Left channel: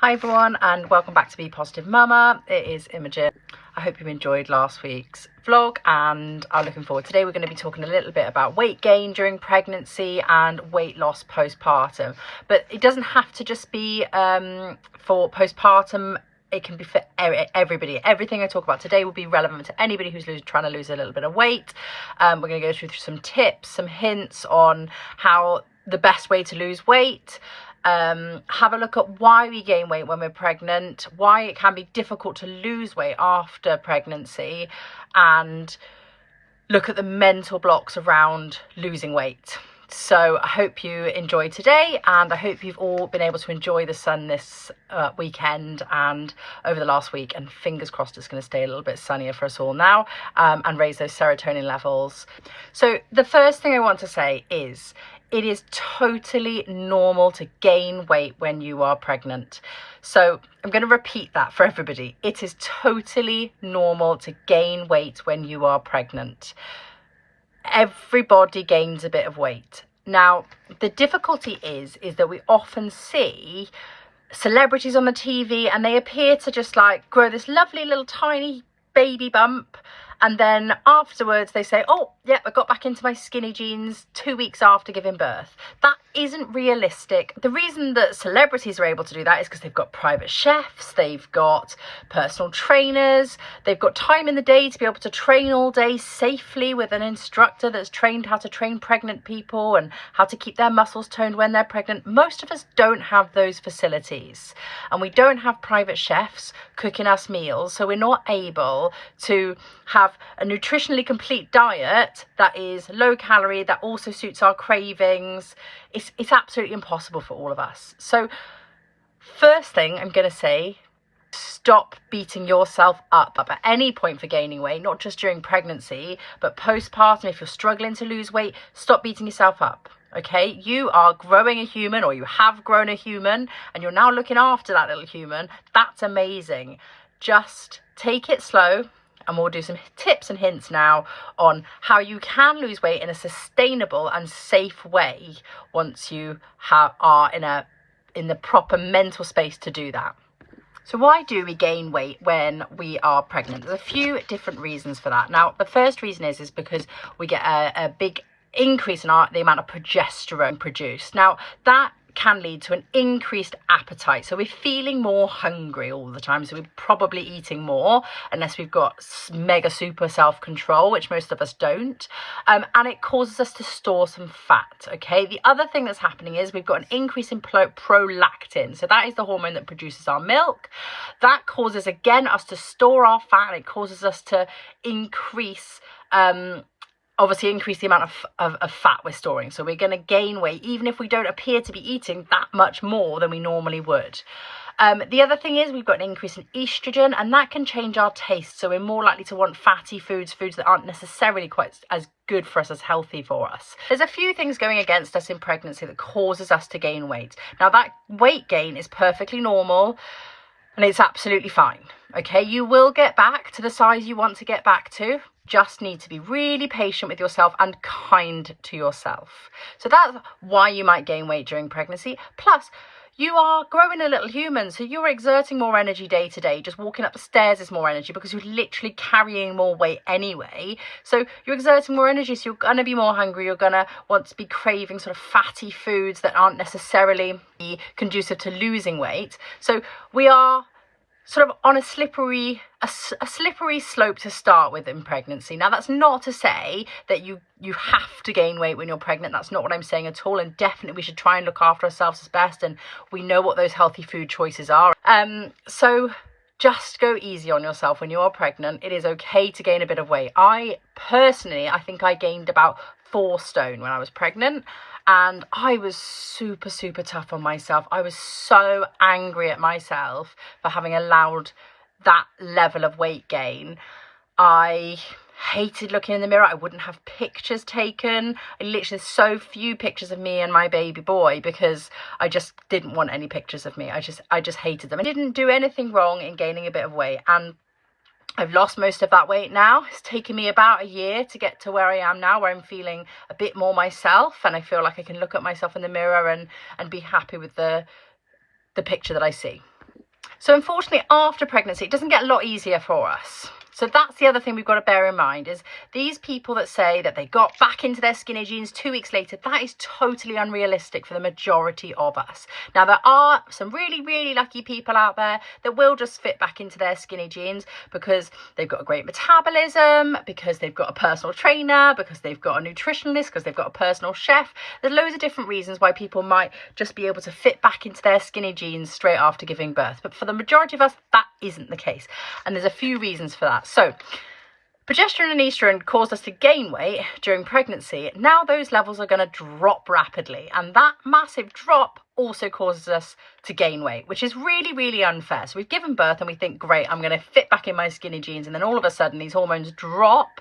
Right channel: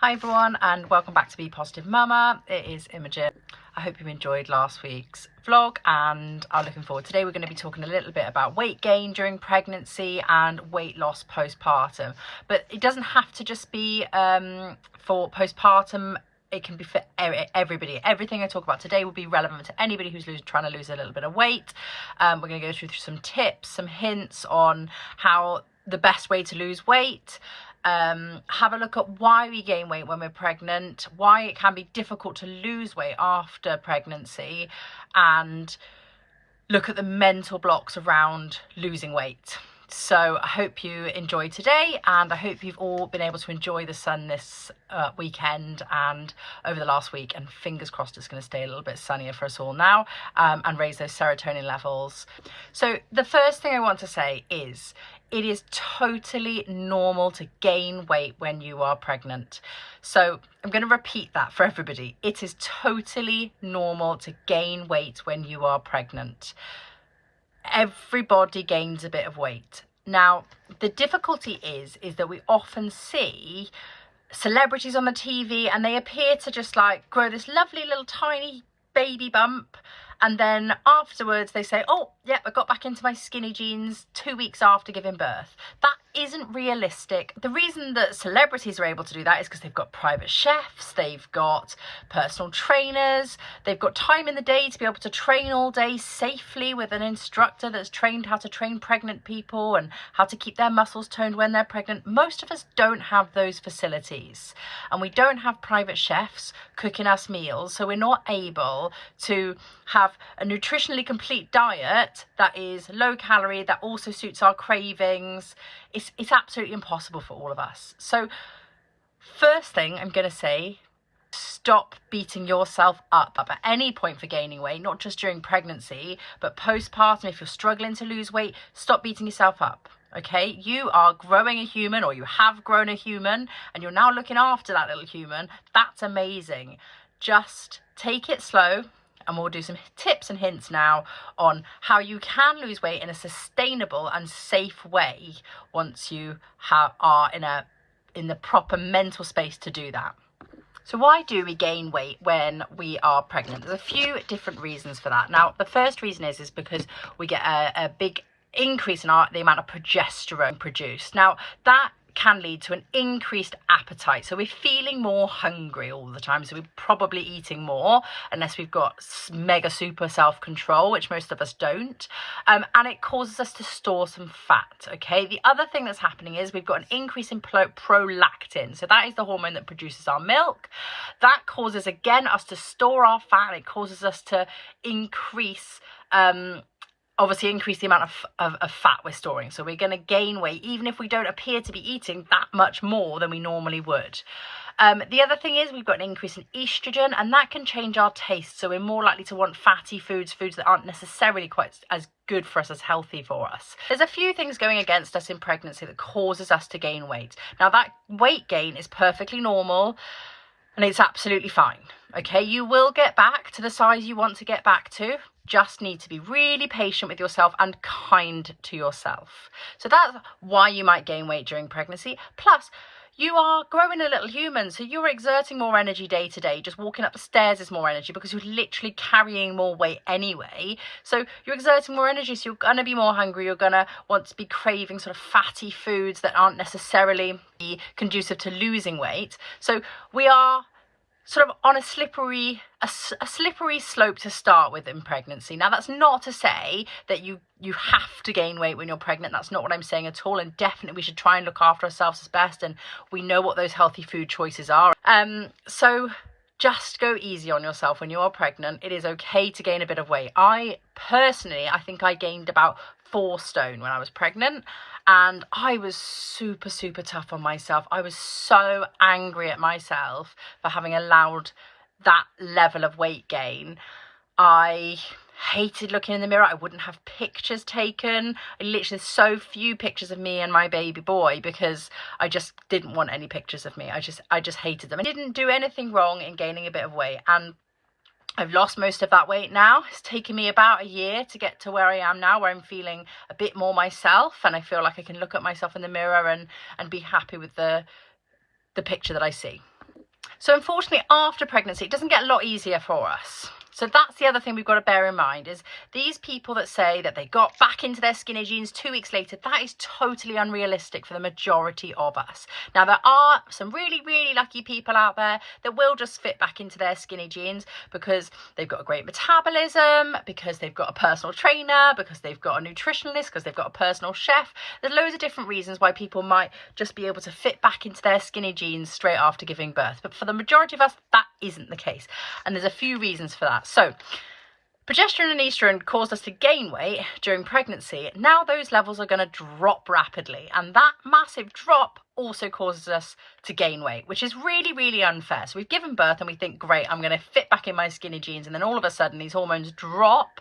Hi everyone, and welcome back to Be Positive Mama. It is Imogen. I hope you enjoyed last week's vlog and are looking forward. Today we're going to be talking a little bit about weight gain during pregnancy and weight loss postpartum. But it doesn't have to just be for postpartum. It can be for everybody. Everything I talk about today will be relevant to anybody who's trying to lose a little bit of weight. We're going to go through some tips, some hints on how the best way to lose weight. Have a look at why we gain weight when we're pregnant, why it can be difficult to lose weight after pregnancy, and look at the mental blocks around losing weight. So I hope you enjoyed today, and I hope you've all been able to enjoy the sun this weekend and over the last week, and fingers crossed it's going to stay a little bit sunnier for us all now, and raise those serotonin levels. So the first thing I want to say is it is totally normal to gain weight when you are pregnant. So I'm going to repeat that for everybody. It is totally normal to gain weight when you are pregnant. Everybody gains a bit of weight. Now, the difficulty is that we often see celebrities on the TV and they appear to just like grow this lovely little tiny baby bump. And then afterwards they say, oh, yeah, I got back into my skinny jeans 2 weeks after giving birth. That isn't realistic. The reason that celebrities are able to do that is because they've got private chefs, they've got personal trainers, they've got time in the day to be able to train all day safely with an instructor that's trained how to train pregnant people and how to keep their muscles toned when they're pregnant. Most of us don't have those facilities, and we don't have private chefs cooking us meals, so we're not able to have a nutritionally complete diet that is low calorie, that also suits our cravings. It's absolutely impossible for all of us. So first thing I'm going to say, stop beating yourself up at any point for gaining weight, not just during pregnancy, but postpartum. If you're struggling to lose weight, stop beating yourself up. Okay, you are growing a human, or you have grown a human, and you're now looking after that little human. That's amazing. Just take it slow. And we'll do some tips and hints now on how you can lose weight in a sustainable and safe way once you are in the proper mental space to do that. So why do we gain weight when we are pregnant? There's a few different reasons for that. Now, the first reason is because we get a big increase in the amount of progesterone produced. Now, that can lead to an increased appetite. So we're feeling more hungry all the time. So we're probably eating more unless we've got mega super self-control, which most of us don't. And it causes us to store some fat. Okay. The other thing that's happening is we've got an increase in prolactin. So that is the hormone that produces our milk. That causes, again, us to store our fat. And it causes us to increase the amount of fat we're storing. So we're going to gain weight even if we don't appear to be eating that much more than we normally would. The other thing is we've got an increase in estrogen, and that can change our taste. So we're more likely to want fatty foods that aren't necessarily quite as good for us, as healthy for us. There's a few things going against us in pregnancy that causes us to gain weight. Now, that weight gain is perfectly normal and it's absolutely fine. Okay, you will get back to the size you want to get back to. Just need to be really patient with yourself and kind to yourself. So that's why you might gain weight during pregnancy. Plus, you are growing a little human, so you're exerting more energy day to day. Just walking up the stairs is more energy because you're literally carrying more weight anyway. So you're exerting more energy, so you're going to be more hungry. You're going to want to be craving sort of fatty foods that aren't necessarily conducive to losing weight. So we are sort of on a slippery slope to start with in pregnancy. Now, that's not to say that you have to gain weight when you're pregnant. That's not what I'm saying at all. And definitely we should try and look after ourselves as best. And we know what those healthy food choices are. So just go easy on yourself when you're pregnant. It is okay to gain a bit of weight. I think I gained about 4 stone when I was pregnant. And I was super, super tough on myself. I was so angry at myself for having allowed that level of weight gain. I hated looking in the mirror. I wouldn't have pictures taken. I literally, so few pictures of me and my baby boy because I just didn't want any pictures of me. I just hated them. I didn't do anything wrong in gaining a bit of weight. And I've lost most of that weight now. It's taken me about a year to get to where I am now, where I'm feeling a bit more myself, and I feel like I can look at myself in the mirror and be happy with the picture that I see. So unfortunately, after pregnancy, it doesn't get a lot easier for us. So that's the other thing we've got to bear in mind, is these people that say that they got back into their skinny jeans 2 weeks later, that is totally unrealistic for the majority of us. Now, there are some really, really lucky people out there that will just fit back into their skinny jeans because they've got a great metabolism, because they've got a personal trainer, because they've got a nutritionist, because they've got a personal chef. There's loads of different reasons why people might just be able to fit back into their skinny jeans straight after giving birth. But for the majority of us, that isn't the case. And there's a few reasons for that. So progesterone and estrogen caused us to gain weight during pregnancy. Now those levels are going to drop rapidly, and that massive drop also causes us to gain weight, which is really, really unfair. So we've given birth and we think, great, I'm going to fit back in my skinny jeans, and then all of a sudden these hormones drop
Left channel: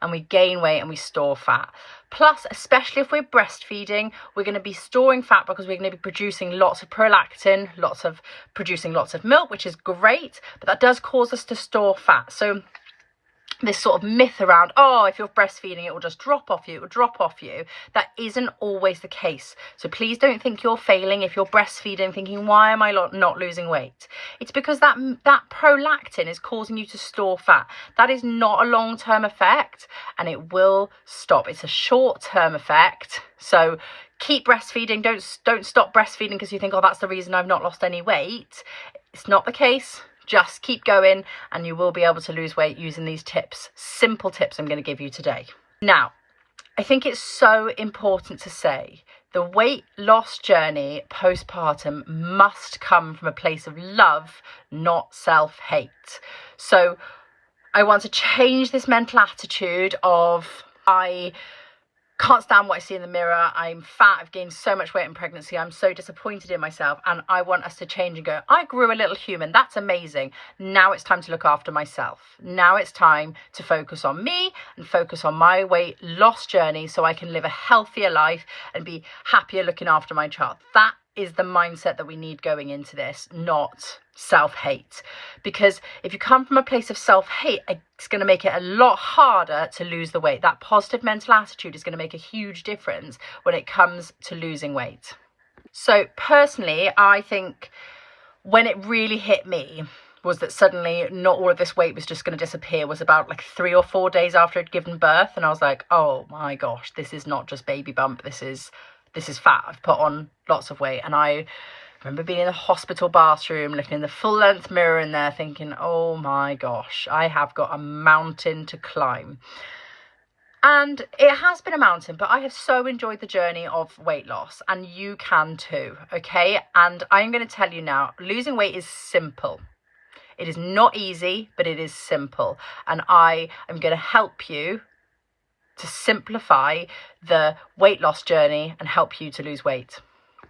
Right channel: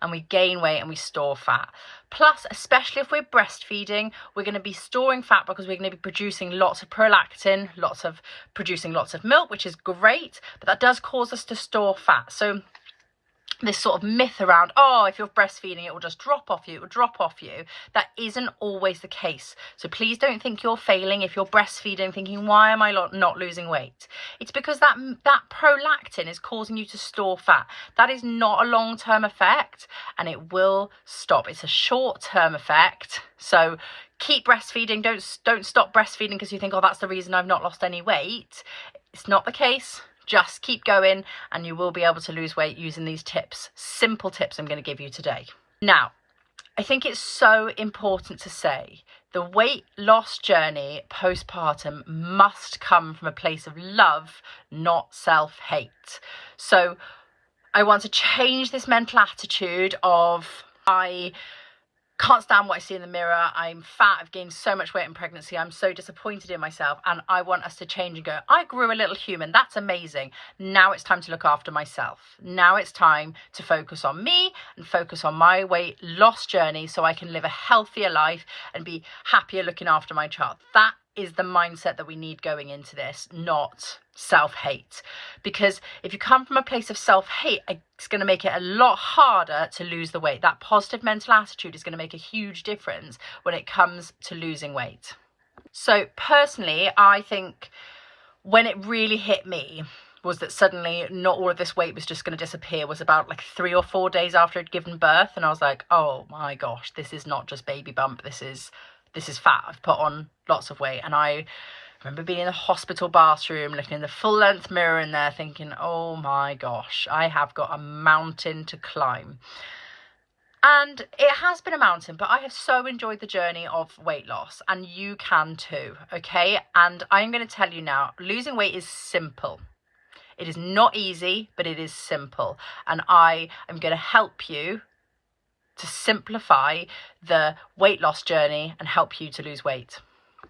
and we gain weight and we store fat. Plus, especially if we're breastfeeding, we're going to be storing fat because we're going to be producing lots of prolactin, producing lots of milk, which is great, but that does cause us to store fat. So this sort of myth around, oh, if you're breastfeeding, it will just drop off you, that isn't always the case. So please don't think you're failing if you're breastfeeding, thinking, why am I not losing weight? It's because that prolactin is causing you to store fat. That is not a long-term effect, and it will stop. It's a short-term effect. So keep breastfeeding. Don't stop breastfeeding because you think, oh, that's the reason I've not lost any weight. It's not the case. Just keep going and you will be able to lose weight using these tips, simple tips I'm going to give you today. Now, I think it's so important to say the weight loss journey postpartum must come from a place of love, not self-hate. So I want to change this mental attitude of, I can't stand what I see in the mirror, I'm fat, I've gained so much weight in pregnancy, I'm so disappointed in myself, and I want us to change and go, I grew a little human, that's amazing. Now it's time to look after myself. Now it's time to focus on me and focus on my weight loss journey so I can live a healthier life and be happier looking after my child. That is the mindset that we need going into this, not self-hate. Because if you come from a place of self-hate, it's going to make it a lot harder to lose the weight. That positive mental attitude is going to make a huge difference when it comes to losing weight. So personally, I think when it really hit me was that suddenly not all of this weight was just going to disappear, was about like 3 or 4 days after I'd given birth. And I was like, oh my gosh, this is not just baby bump, this is fat. I've put on lots of weight. And I remember being in the hospital bathroom, looking in the full length mirror in there thinking, oh my gosh, I have got a mountain to climb. And it has been a mountain, but I have so enjoyed the journey of weight loss, and you can too, okay? And I'm going to tell you now, losing weight is simple. It is not easy, but it is simple. And I am going to help you to simplify the weight loss journey and help you to lose weight.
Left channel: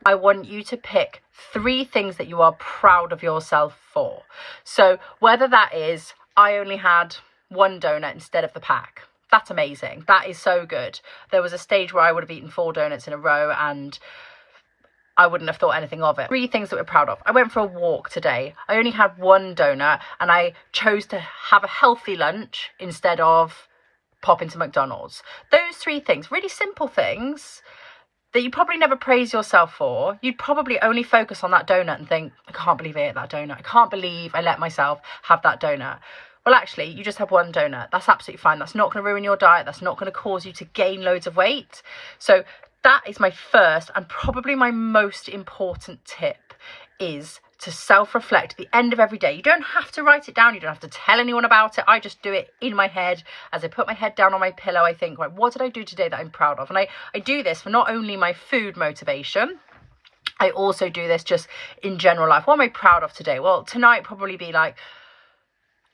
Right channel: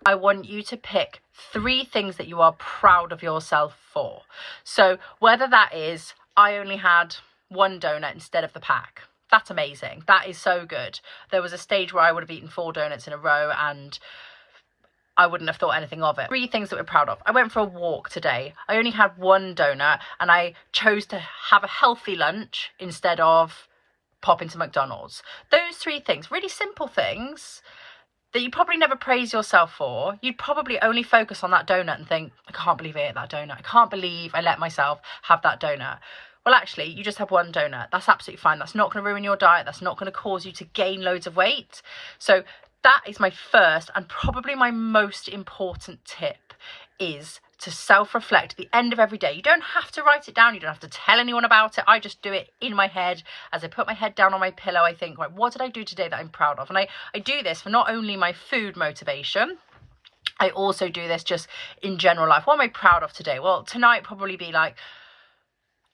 I want you to pick 3 things that you are proud of yourself for. So whether that is, I only had 1 donut instead of the pack. That's amazing. That is so good. There was a stage where I would have eaten 4 donuts in a row and I wouldn't have thought anything of it. 3 things that we're proud of. I went for a walk today. I only had 1 donut and I chose to have a healthy lunch instead of pop into McDonald's. Those 3 things, really simple things that you probably never praise yourself for. You'd probably only focus on that donut and think, I can't believe I ate that donut. I can't believe I let myself have that donut. Well, actually, you just have 1 donut. That's absolutely fine. That's not going to ruin your diet. That's not going to cause you to gain loads of weight. So that is my first and probably my most important tip, is to self-reflect at the end of every day. You don't have to write it down. You don't have to tell anyone about it. I just do it in my head. As I put my head down on my pillow, I think, right, what did I do today that I'm proud of? And I do this for not only my food motivation, I also do this just in general life. What am I proud of today? Well, tonight probably be like,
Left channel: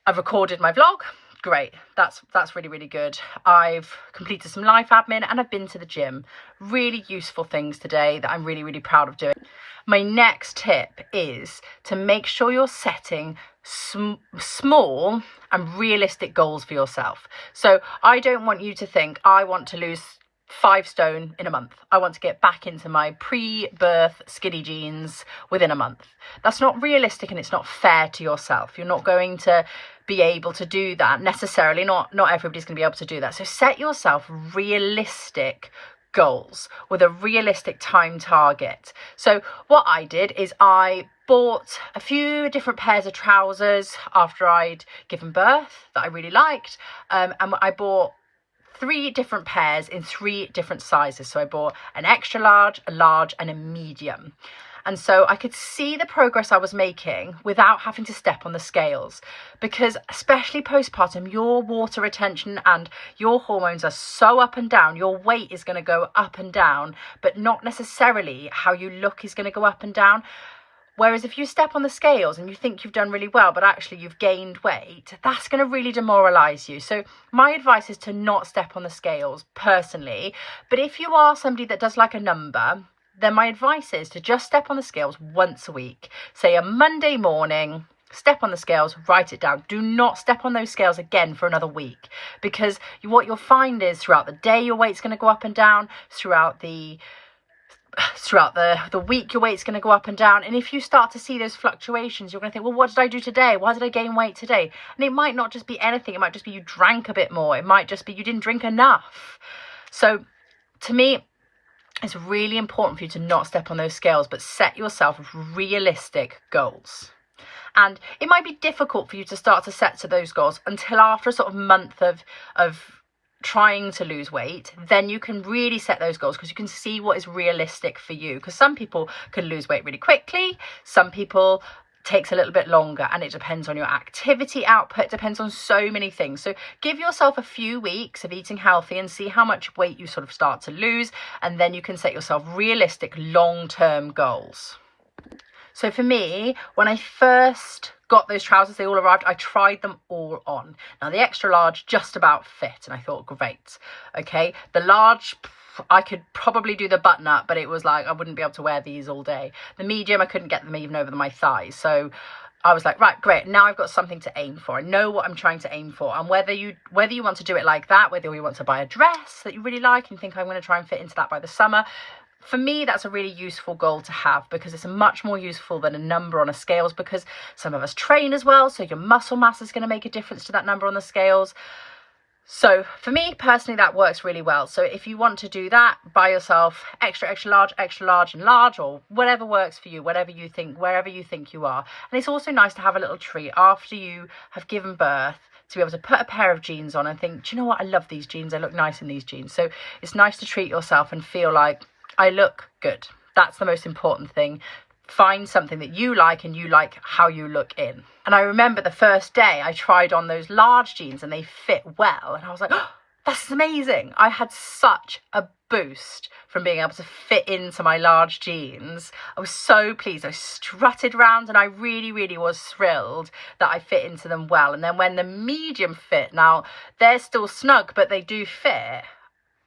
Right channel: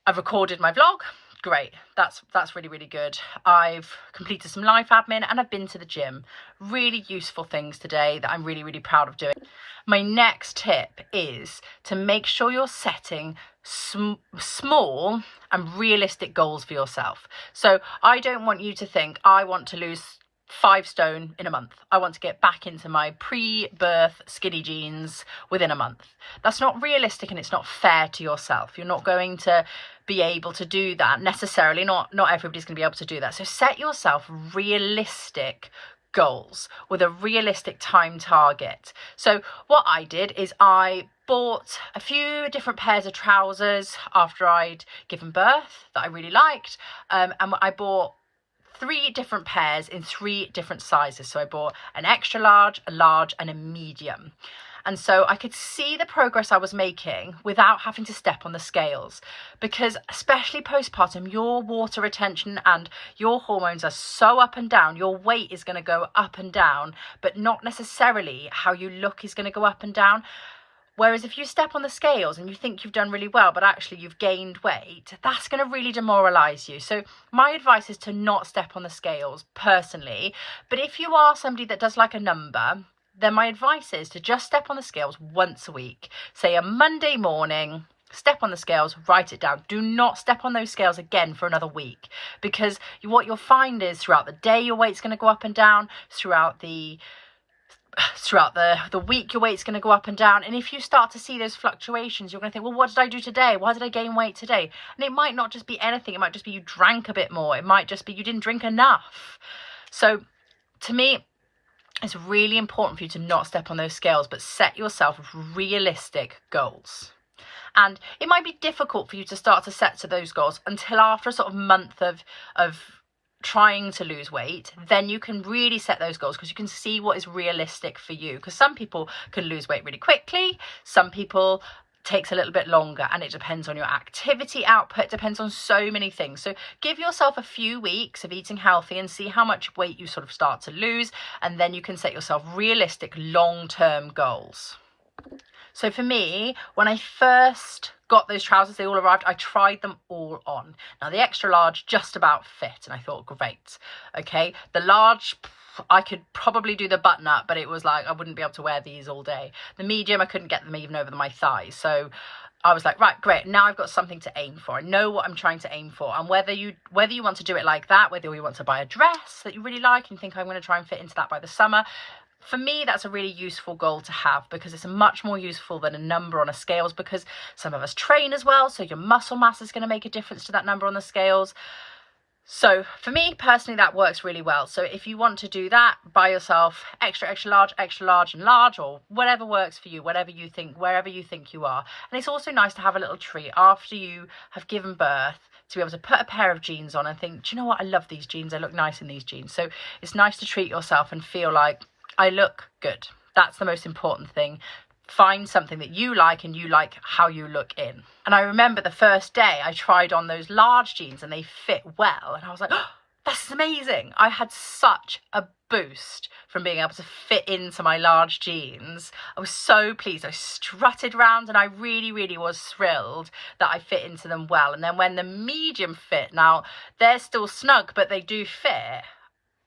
I've recorded my vlog. Great. That's really, really good. I've completed some life admin and I've been to the gym. Really useful things today that I'm really, really proud of doing. My next tip is to make sure you're setting small and realistic goals for yourself. So I don't want you to think, I want to lose 5 stone in a month. I want to get back into my pre-birth skinny jeans within a month. That's not realistic and it's not fair to yourself. You're not going to be able to do that necessarily. Not everybody's going to be able to do that. So set yourself realistic goals with a realistic time target. So what I did is I bought a few different pairs of trousers after I'd given birth that I really liked, and I bought 3 different pairs in 3 different sizes. So I bought an extra large, a large and a medium. And so I could see the progress I was making without having to step on the scales, because especially postpartum, your water retention and your hormones are so up and down. Your weight is going to go up and down, but not necessarily how you look is going to go up and down. Whereas if you step on the scales and you think you've done really well, but actually you've gained weight, that's going to really demoralize you. So my advice is to not step on the scales personally. But if you are somebody that does like a number, then my advice is to just step on the scales once a week. Say a Monday morning, step on the scales, write it down. Do not step on those scales again for another week, because what you'll find is throughout the day your weight's going to go up and down, throughout the week your weight's going to go up and down. And if you start to see those fluctuations, you're going to think, well, what did I do today? Why did I gain weight today? And it might not just be anything. It might just be you drank a bit more. It might just be you didn't drink enough. So to me, it's really important for you to not step on those scales, but set yourself realistic goals. And it might be difficult for you to start to set to those goals until after a sort of month of trying to lose weight. Then you can really set those goals, because you can see what is realistic for you. Because some people can lose weight really quickly, some people takes a little bit longer, and it depends on your activity output. It depends on so many things. So give yourself a few weeks of eating healthy and see how much weight you sort of start to lose, and then you can set yourself realistic long-term goals. So for me, when I first got those trousers, they all arrived, I tried them all on. Now the extra large just about fit, and I thought, great. Okay, the large, I could probably do the button up, but it was like I wouldn't be able to wear these all day. The medium, I couldn't get them even over my thighs. So I was like, right, great, now I've got something to aim for. I know what I'm trying to aim for. And whether you want to do it like that, whether you want to buy a dress that you really like and think I'm going to try and fit into that by the summer, for me, that's a really useful goal to have, because it's much more useful than a number on a scales, because some of us train as well, so your muscle mass is going to make a difference to that number on the scales. So for me personally, that works really well. So if you want to do that, buy yourself extra large and large, or whatever works for you, wherever you think you are. And it's also nice to have a little treat after you have given birth, to be able to put a pair of jeans on and think, do you know what, I love these jeans, I look nice in these jeans. So it's nice to treat yourself and feel like, I look good. That's the most important thing. Find something that you like and you like how you look in. And I remember the first day I tried on those large jeans and they fit well. And I was like, oh, this is amazing. I had such a boost from being able to fit into my large jeans. I was so pleased. I strutted around and I really, really was thrilled that I fit into them well. And then when the medium fit, now they're still snug, but they do fit.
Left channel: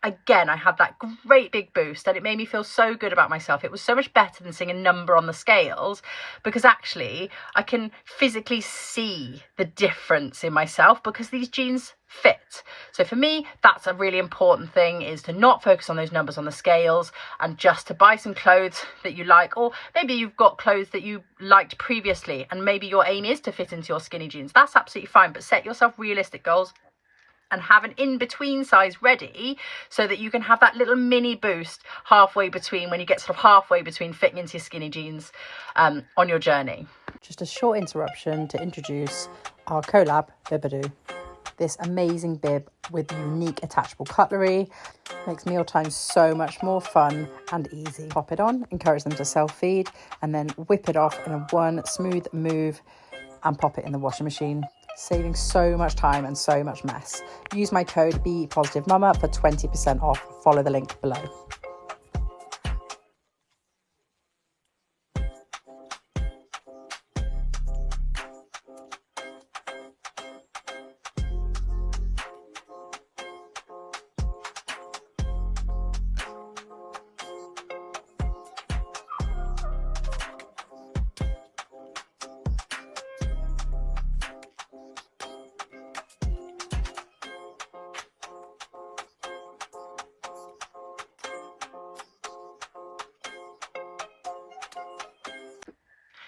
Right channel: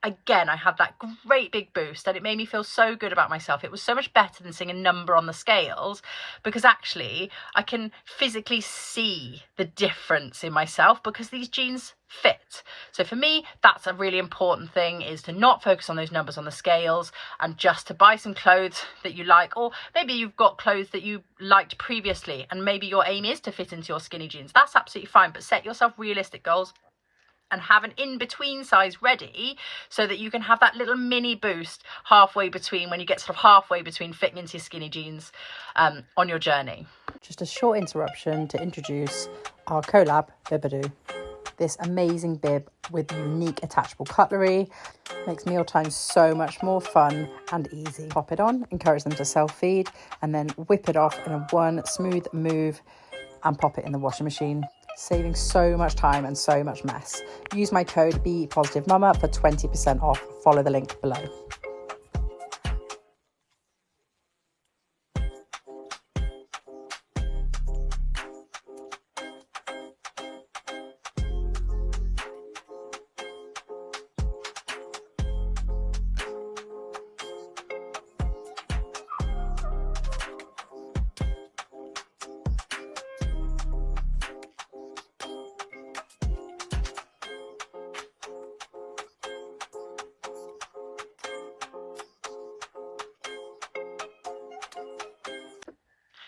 Again, I had that great big boost, and it made me feel so good about myself. It was so much better than seeing a number on the scales, because actually I can physically see the difference in myself because these jeans fit. So for me, that's a really important thing, is to not focus on those numbers on the scales and just to buy some clothes that you like. Or maybe you've got clothes that you liked previously and maybe your aim is to fit into your skinny jeans. That's absolutely fine, but set yourself realistic goals and have an in-between size ready so that you can have that little mini boost halfway between, when you get sort of halfway between fitting into your skinny jeans on your journey. Just a short interruption to introduce our collab Bibadoo. This amazing bib with unique attachable cutlery makes mealtime so much more fun and easy. Pop it on, encourage them to self-feed, and then whip it off in a one smooth move and pop it in the washing machine, saving so much time and so much mess. Use my code BePositiveMama for 20% off. Follow the link below.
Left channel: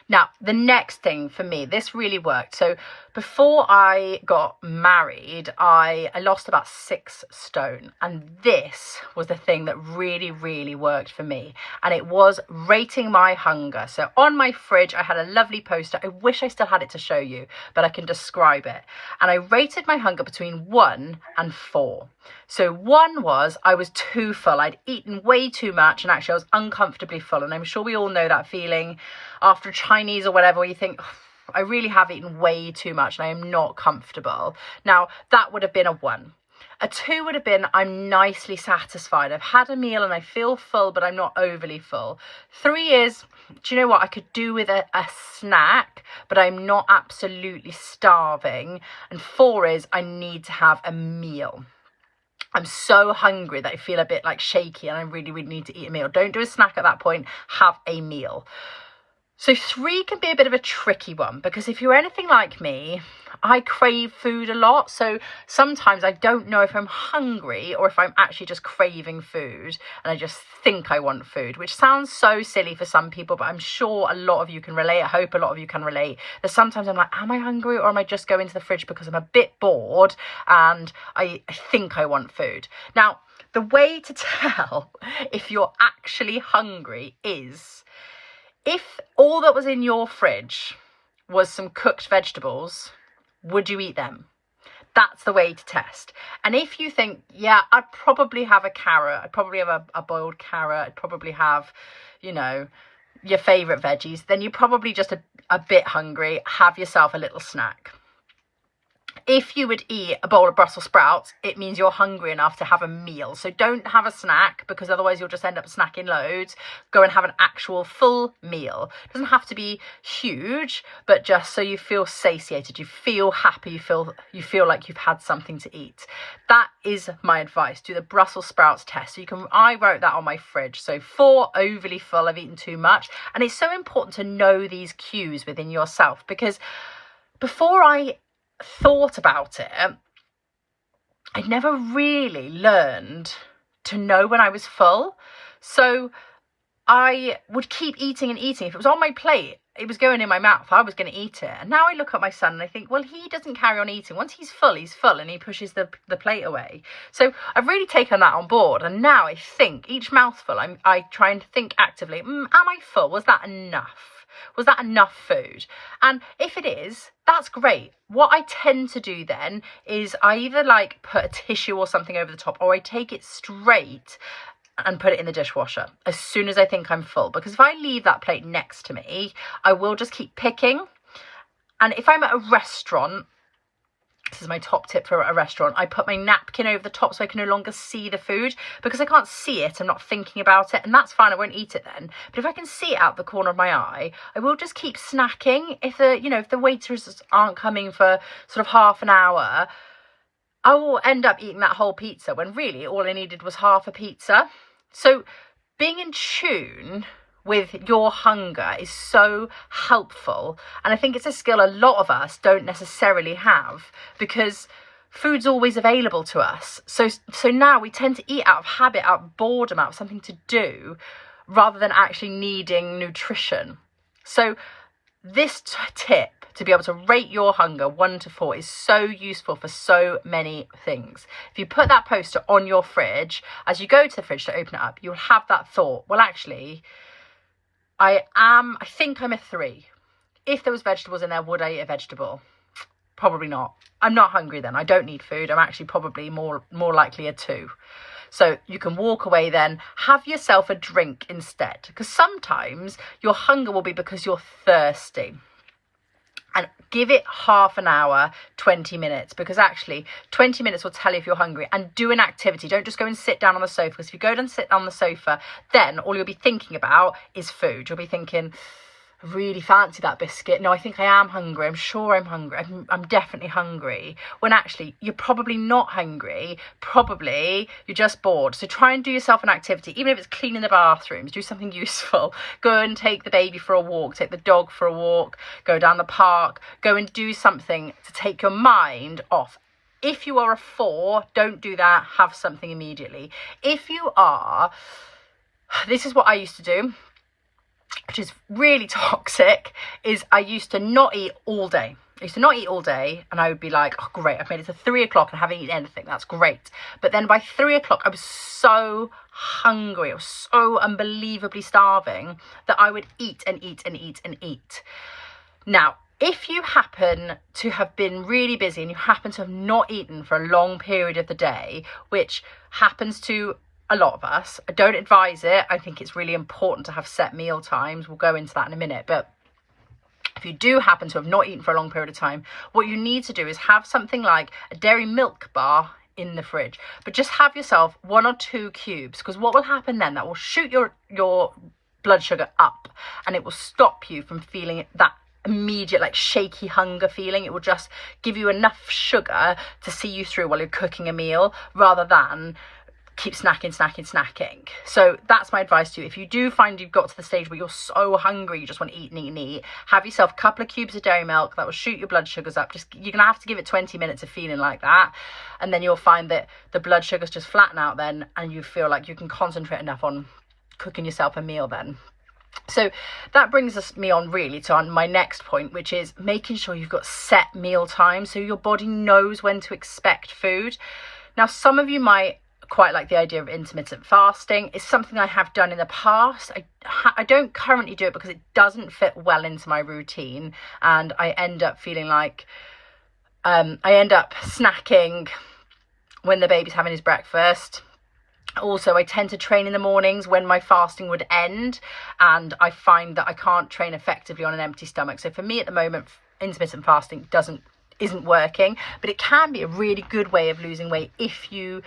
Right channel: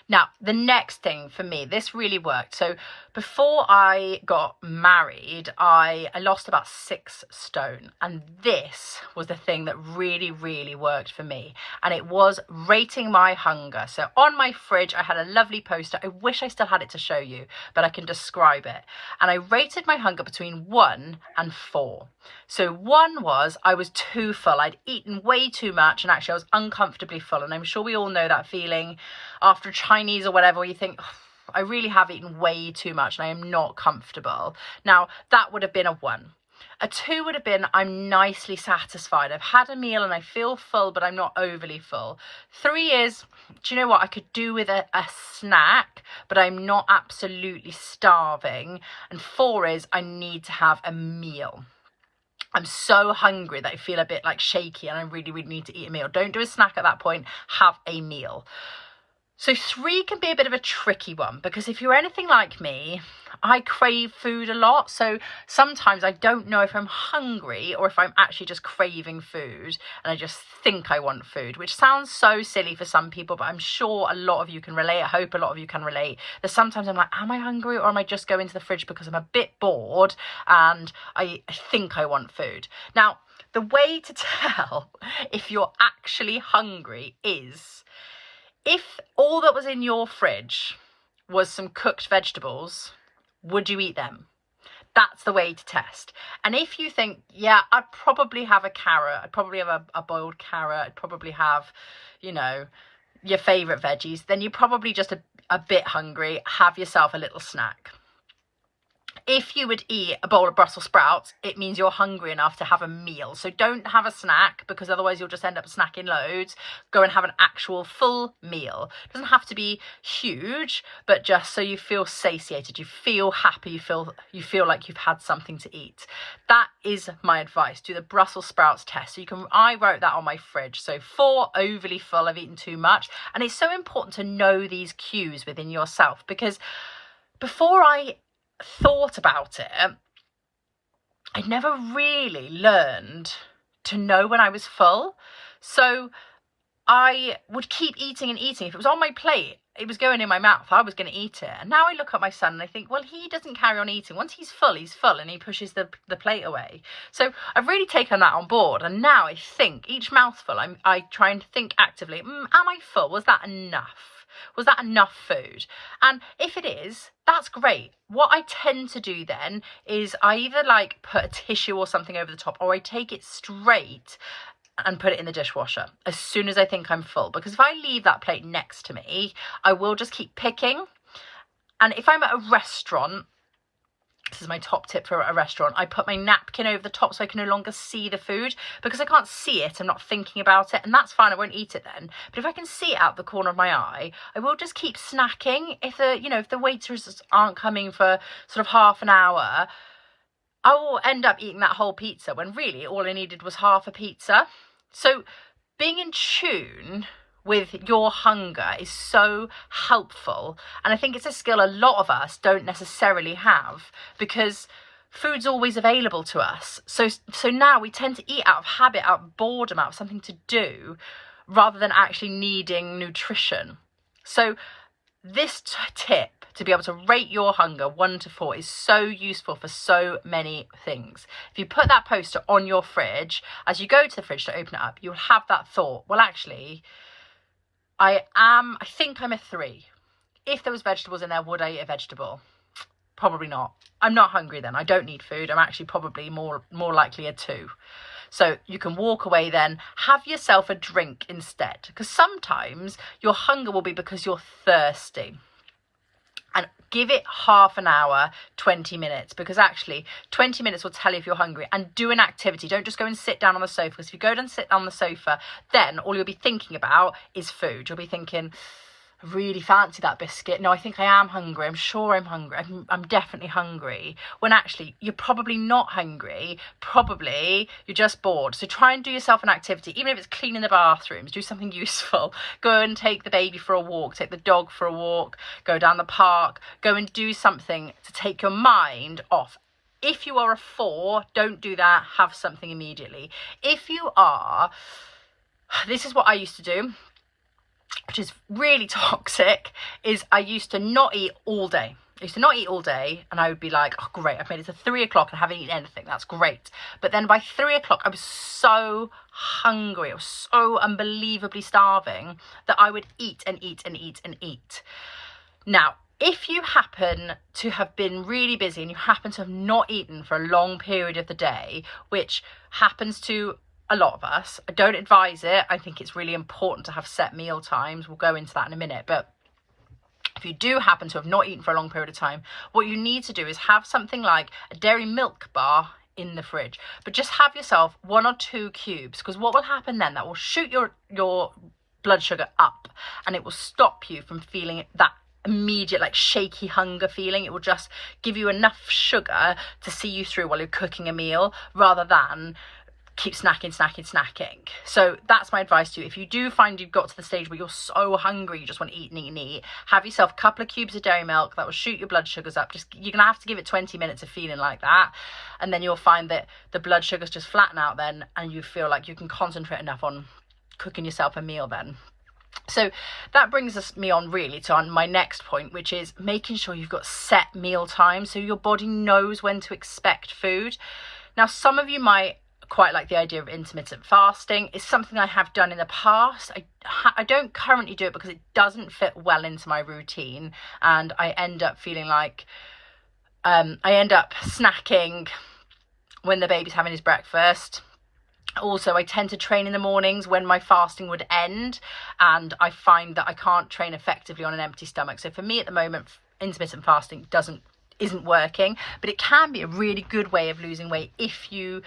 Now, the next thing for me, this really worked. So before I got married, I lost about 6 stone. And this was the thing that really, really worked for me. And it was rating my hunger. So on my fridge, I had a lovely poster. I wish I still had it to show you, but I can describe it. And I rated my hunger between 1 and 4. So 1 was I was too full. I'd eaten way too much and actually I was uncomfortably full. And I'm sure we all know that feeling after Chinese or whatever, where you think, oh, I really have eaten way too much and I am not comfortable. Now, that would have been a 1. A 2 would have been I'm nicely satisfied. I've had a meal and I feel full, but I'm not overly full. 3 is, do you know what? I could do with a snack, but I'm not absolutely starving. And 4 is I need to have a meal. I'm so hungry that I feel a bit like shaky and I really, really need to eat a meal. Don't do a snack at that point. Have a meal. So 3 can be a bit of a tricky one, because if you're anything like me, I crave food a lot. So sometimes I don't know if I'm hungry or if I'm actually just craving food and I just think I want food, which sounds so silly for some people, but I'm sure a lot of you can relate. I hope a lot of you can relate. That sometimes I'm like, am I hungry, or am I just going to the fridge because I'm a bit bored and I think I want food? Now, the way to tell if you're actually hungry is, if all that was in your fridge was some cooked vegetables, would you eat them? That's the way to test. And if you think, yeah, I'd probably have a carrot, I'd probably have a boiled carrot, I'd probably have, you know, your favourite veggies, then you're probably just a bit hungry. Have yourself a little snack. If you would eat a bowl of Brussels sprouts, it means you're hungry enough to have a meal. So don't have a snack, because otherwise you'll just end up snacking loads. Go and have an actual full meal. It doesn't have to be huge, but just so you feel satiated, you feel happy, you feel like you've had something to eat. That is my advice. Do the Brussels sprouts test. So I wrote that on my fridge. So 4, overly full, I've eaten too much. And it's so important to know these cues within yourself, because before I thought about it, I'd never really learned to know when I was full. So I would keep eating and eating. If it was on my plate, it was going in my mouth, I was going to eat it. And now I look at my son and I think, well, he doesn't carry on eating. Once he's full, and he pushes the plate away. So I've really taken that on board. And now I think each mouthful, I try and think actively, am I full? Was that enough? Was that enough food? And if it is, that's great. What I tend to do then is I either put a tissue or something over the top, or I take it straight and put it in the dishwasher as soon as I think I'm full. Because if I leave that plate next to me, I will just keep picking. And if I'm at a restaurant, this is my top tip for a restaurant, I put my napkin over the top so I can no longer see the food, because I can't see it, I'm not thinking about it, and that's fine, I won't eat it then. But if I can see it out the corner of my eye, I will just keep snacking. If the waiters aren't coming for sort of half an hour, I will end up eating that whole pizza when really all I needed was half a pizza. So being in tune with your hunger is so helpful, and I think it's a skill a lot of us don't necessarily have, because food's always available to us. So now we tend to eat out of habit, out of boredom, out of something to do, rather than actually needing nutrition. So this tip to be able to rate your hunger 1 to 4 is so useful for so many things. If you put that poster on your fridge, as you go to the fridge to open it up, you'll have that thought, well, actually, I think I'm a 3. If there was vegetables in there, would I eat a vegetable? Probably not. I'm not hungry then. I don't need food. I'm actually probably more likely a 2. So you can walk away then, have yourself a drink instead. Because sometimes your hunger will be because you're thirsty. And give it half an hour, 20 minutes, because actually 20 minutes will tell you if you're hungry. And do an activity. Don't just go and sit down on the sofa, because if you go and sit on the sofa, then all you'll be thinking about is food. You'll be thinking, I really fancy that biscuit. No, I think I am hungry. I'm sure I'm hungry. I'm definitely hungry. When actually you're probably not hungry. Probably you're just bored. So try and do yourself an activity, even if it's cleaning the bathrooms. Do something useful. Go and take the baby for a walk. Take the dog for a walk. Go down the park. Go and do something to take your mind off. If you are a 4, don't do that. Have something immediately. If you are, this is what I used to do. which is really toxic, is I used to not eat all day. And I would be like, oh great, I've made it to 3 o'clock and haven't eaten anything, that's great. But then by 3 o'clock I was so hungry, I was so unbelievably starving that I would eat and eat and eat and eat. Now, if you happen to have been really busy and you happen to have not eaten for a long period of the day, which happens to a lot of us, I don't advise it. I think it's really important to have set meal times. We'll go into that in a minute. But if you do happen to have not eaten for a long period of time, what you need to do is have something like a dairy milk bar in the fridge, but just have yourself 1 or 2 cubes, because what will happen then, that will shoot your blood sugar up, and it will stop you from feeling that immediate like shaky hunger feeling. It will just give you enough sugar to see you through while you're cooking a meal, rather than keep snacking. So that's my advice to you. If you do find you've got to the stage where you're so hungry, you just want to eat and eat and eat, have yourself a couple of cubes of dairy milk. That will shoot your blood sugars up. You're gonna have to give it 20 minutes of feeling like that, and then you'll find that the blood sugars just flatten out then, and you feel like you can concentrate enough on cooking yourself a meal then. So that brings me on really to my next point, which is making sure you've got set meal times so your body knows when to expect food. Now, some of you might quite like the idea of intermittent fasting. It's something I have done in the past. I don't currently do it because it doesn't fit well into my routine, and I end up feeling like I end up snacking when the baby's having his breakfast. Also, I tend to train in the mornings when my fasting would end, and I find that I can't train effectively on an empty stomach. So for me at the moment, intermittent fasting isn't working, but it can be a really good way of losing weight if you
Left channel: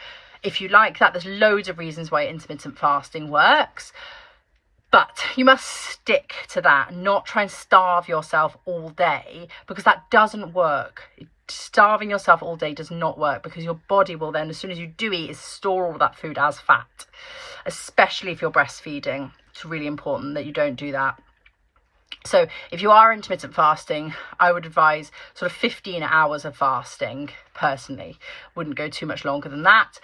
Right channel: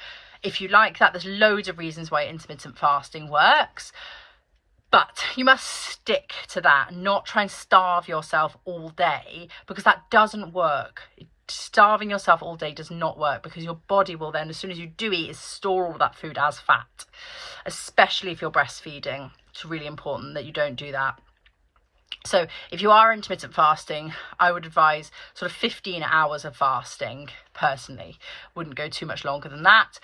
like that. There's loads of reasons why intermittent fasting works, but you must stick to that and not try and starve yourself all day, because that doesn't work. Starving yourself all day does not work, because your body will then, as soon as you do eat, is store all that food as fat, especially if you're breastfeeding. It's really important that you don't do that. So if you are intermittent fasting, I would advise sort of 15 hours of fasting personally. Wouldn't go too much longer than that,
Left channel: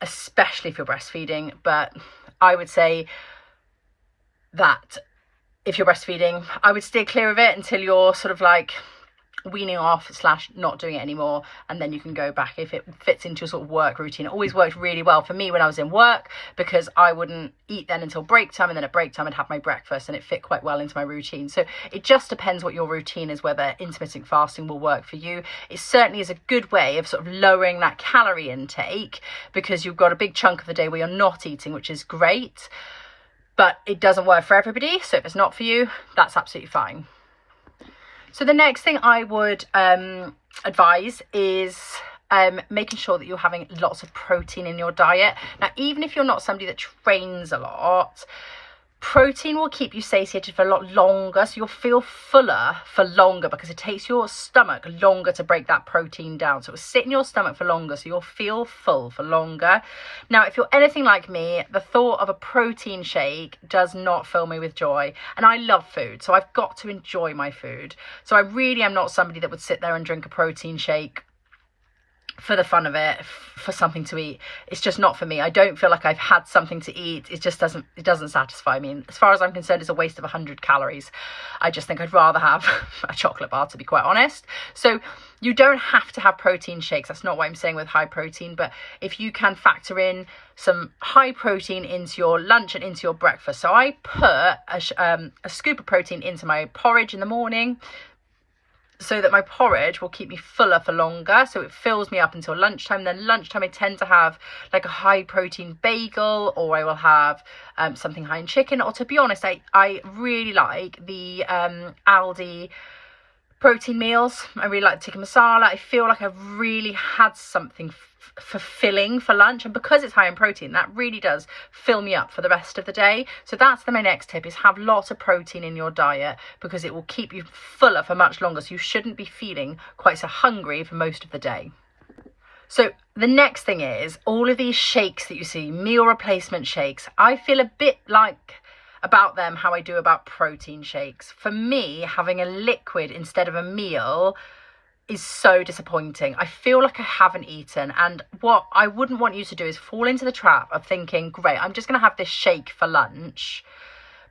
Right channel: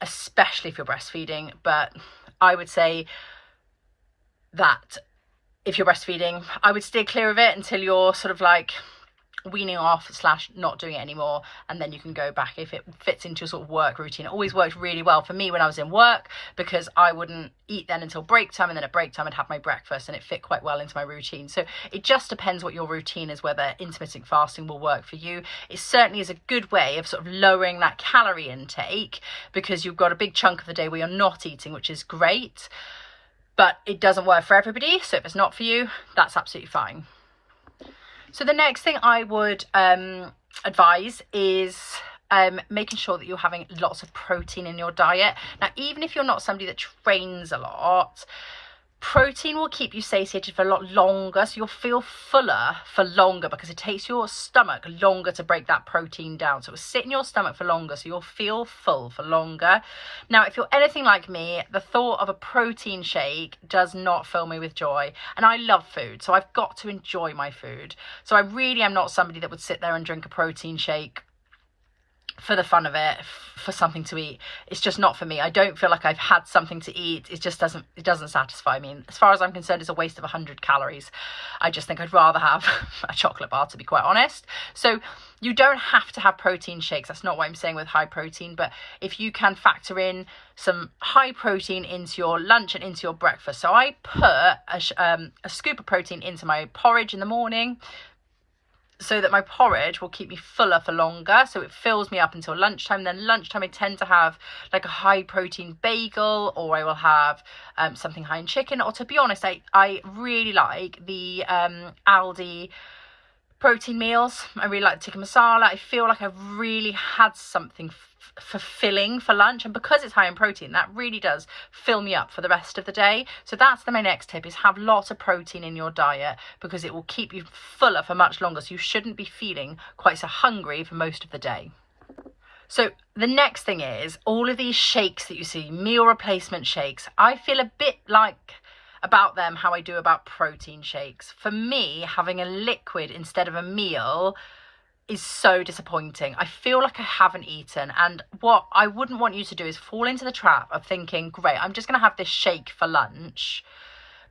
especially if you're breastfeeding. But I would say that if you're breastfeeding, I would steer clear of it until you're sort of like weaning off / not doing it anymore, and then you can go back if it fits into your sort of work routine. It always worked really well for me when I was in work, because I wouldn't eat then until break time, and then at break time I'd have my breakfast, and it fit quite well into my routine. So it just depends what your routine is, whether intermittent fasting will work for you. It certainly is a good way of sort of lowering that calorie intake, because you've got a big chunk of the day where you're not eating, which is great, but it doesn't work for everybody. So if it's not for you, that's absolutely fine. So the next thing I would advise is making sure that you're having lots of protein in your diet. Now, even if you're not somebody that trains a lot, protein will keep you satiated for a lot longer, so you'll feel fuller for longer, because it takes your stomach longer to break that protein down. So it will sit in your stomach for longer, so you'll feel full for longer. Now, if you're anything like me, the thought of a protein shake does not fill me with joy. And I love food, so I've got to enjoy my food. So I really am not somebody that would sit there and drink a protein shake for the fun of it, for something to eat. It's just not for me. I don't feel like I've had something to eat. It doesn't satisfy me. And as far as I'm concerned, it's a waste of 100 calories. I just think I'd rather have a chocolate bar, to be quite honest. So you don't have to have protein shakes. That's not what I'm saying with high protein. But if you can factor in some high protein into your lunch and into your breakfast. So I put a scoop of protein into my porridge in the morning, so that my porridge will keep me fuller for longer, so it fills me up until lunchtime. Then lunchtime I tend to have like a high protein bagel, or I will have something high in chicken, or to be honest, I really like the Aldi protein meals. I really like tikka masala. I feel like I've really had something fulfilling for lunch, and because it's high in protein, that really does fill me up for the rest of the day. So that's my next tip, is have lots of protein in your diet, because it will keep you fuller for much longer, so you shouldn't be feeling quite so hungry for most of the day. So the next thing is all of these shakes that you see, meal replacement shakes. I feel a bit like about them how I do about protein shakes. For me, having a liquid instead of a meal is so disappointing. I feel like I haven't eaten, and what I wouldn't want you to do is fall into the trap of thinking, great, I'm just going to have this shake for lunch,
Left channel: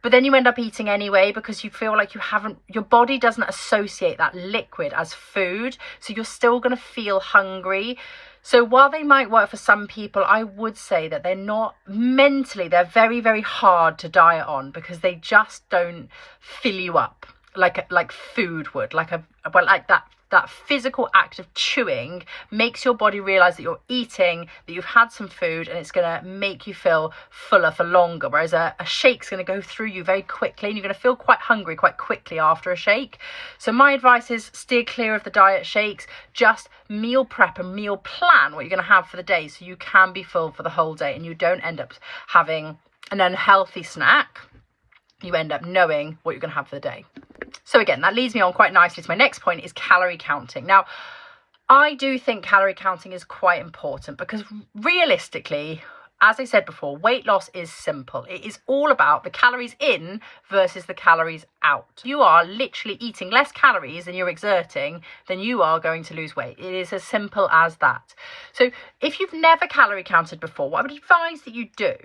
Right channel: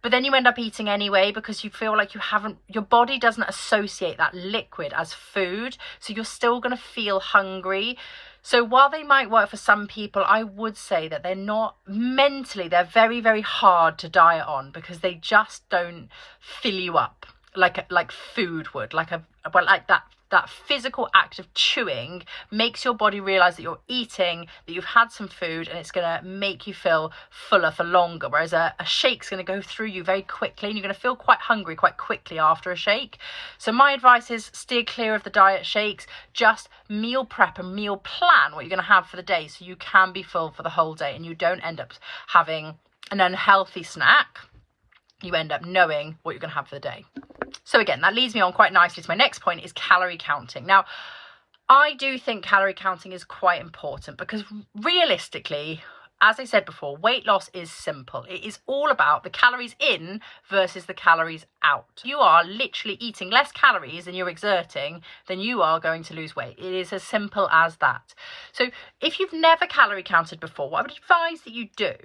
but then you end up eating anyway because you feel like your body doesn't associate that liquid as food, so you're still going to feel hungry. So while they might work for some people, I would say that they're not mentally, they're very, very hard to diet on because they just don't fill you up like food would, like that physical act of chewing makes your body realize that you're eating, that you've had some food, and it's going to make you feel fuller for longer. Whereas a shake's going to go through you very quickly, and you're going to feel quite hungry quite quickly after a shake. So my advice is steer clear of the diet shakes. Just meal prep and meal plan what you're going to have for the day so you can be full for the whole day and you don't end up having an unhealthy snack. You end up knowing what you're going to have for the day. So again, that leads me on quite nicely to my next point, is calorie counting. Now, I do think calorie counting is quite important because realistically, as I said before, weight loss is simple. It is all about the calories in versus the calories out. You are literally eating less calories than you're exerting, then you are going to lose weight. It is as simple as that. So if you've never calorie counted before, what I would advise that you do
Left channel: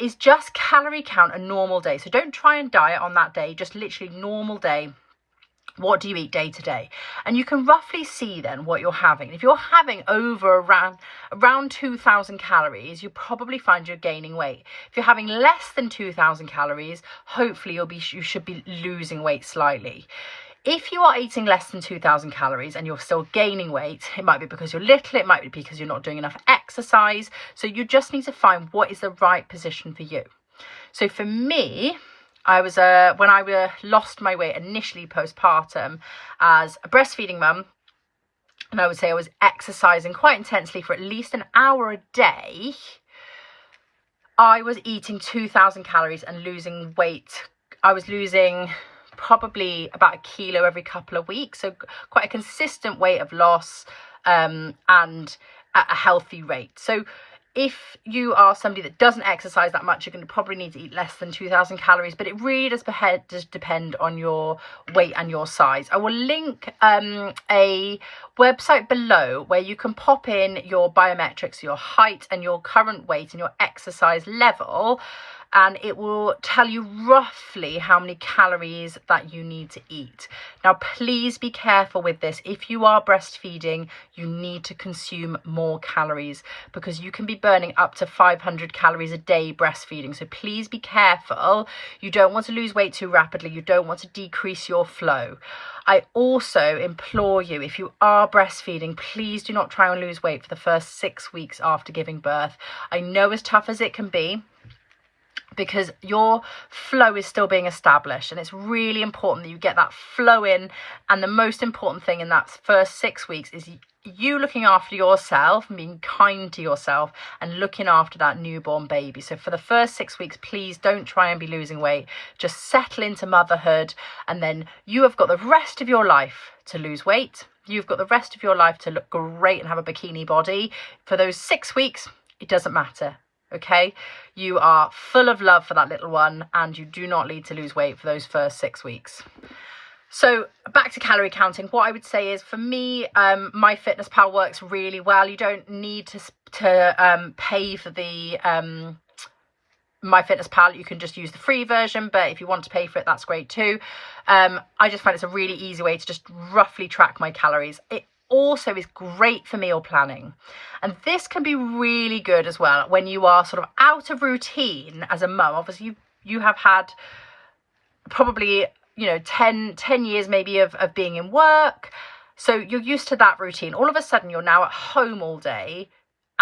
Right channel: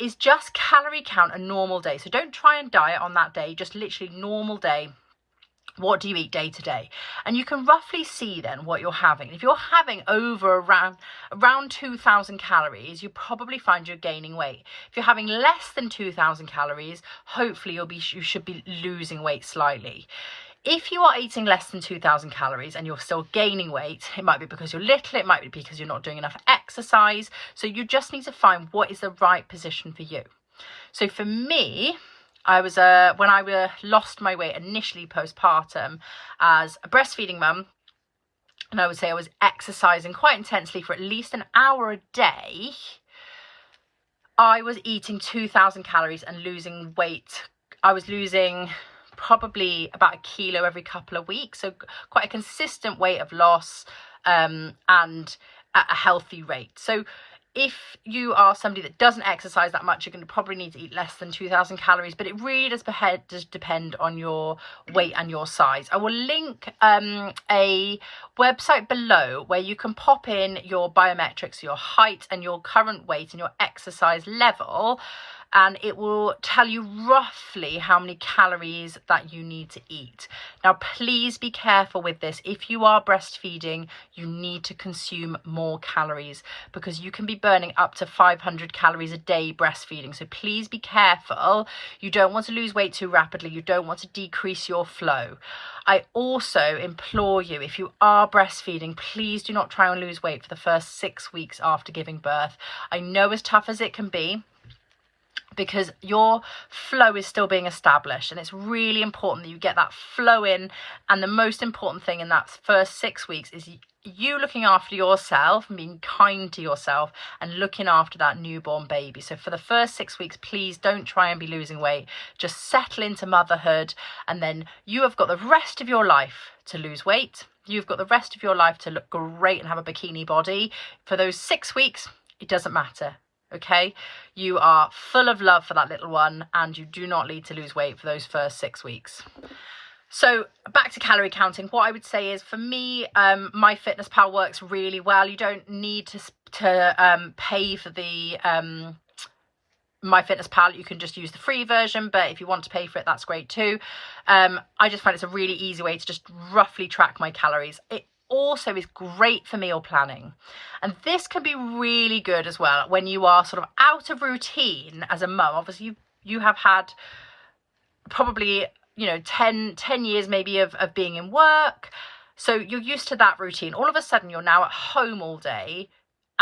is just calorie count a normal day. So don't try and diet on that day, just literally normal day. What do you eat day to day? And you can roughly see then what you're having. If you're having around 2,000 calories, you probably find you're gaining weight. If you're having less than 2,000 calories, hopefully you should be losing weight slightly. If you are eating less than 2,000 calories and you're still gaining weight, it might be because you're little, it might be because you're not doing enough exercise. So you just need to find what is the right position for you. So for me, I was when I lost my weight initially postpartum as a breastfeeding mum, and I would say I was exercising quite intensely for at least an hour a day. I was eating 2,000 calories and losing weight. I was losing probably about 1 kilo every couple of weeks, so quite a consistent weight of loss and at a healthy rate. So if you are somebody that doesn't exercise that much, you're going to probably need to eat less than 2,000 calories, but it really does depend on your weight and your size. I will link a website below where you can pop in your biometrics, your height and your current weight and your exercise level, and it will tell you roughly how many calories that you need to eat. Now, please be careful with this. If you are breastfeeding, you need to consume more calories because you can be burning up to 500 calories a day breastfeeding. So please be careful. You don't want to lose weight too rapidly. You don't want to decrease your flow. I also implore you, if you are breastfeeding, please do not try and lose weight for the first 6 weeks after giving birth. I know as tough as it can be, because your flow is still being established, and it's really important that you get that flow in. And the most important thing in that first 6 weeks is you looking after yourself and being kind to yourself and looking after that newborn baby. So for the first 6 weeks, please don't try and be losing weight. Just settle into motherhood, and then you have got the rest of your life to lose weight. You've got the rest of your life to look great and have a bikini body. For those 6 weeks, it doesn't matter. Okay, you are full of love for that little one, and you do not need to lose weight for those first 6 weeks. So back to calorie counting, what I would say is, for me, MyFitnessPal works really well. You don't need to pay for the MyFitnessPal. You can just use the free version, but if you want to pay for it, that's great too. I just find it's a really easy way to just roughly track my calories. It also is great for meal planning, and this can be really good as well when you are sort of out of routine as a mum. Obviously you have had probably 10 years maybe of being in work, so you're used to that routine. All of a sudden you're now at home all day.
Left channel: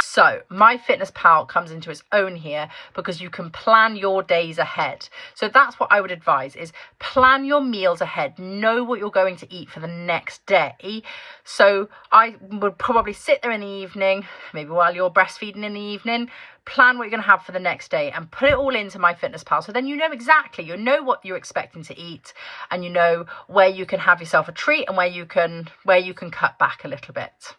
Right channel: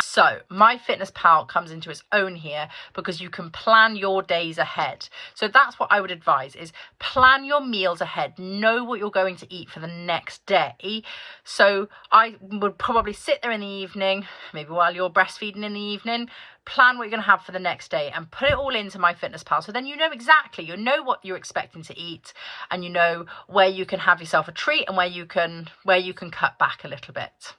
So MyFitnessPal comes into its own here because you can plan your days ahead. So that's what I would advise, is plan your meals ahead. Know what you're going to eat for the next day. So I would probably sit there in the evening, maybe while you're breastfeeding in the evening, plan what you're going to have for the next day and put it all into MyFitnessPal. So then you know exactly, what you're expecting to eat, and you know where you can have yourself a treat and where you can cut back a little bit.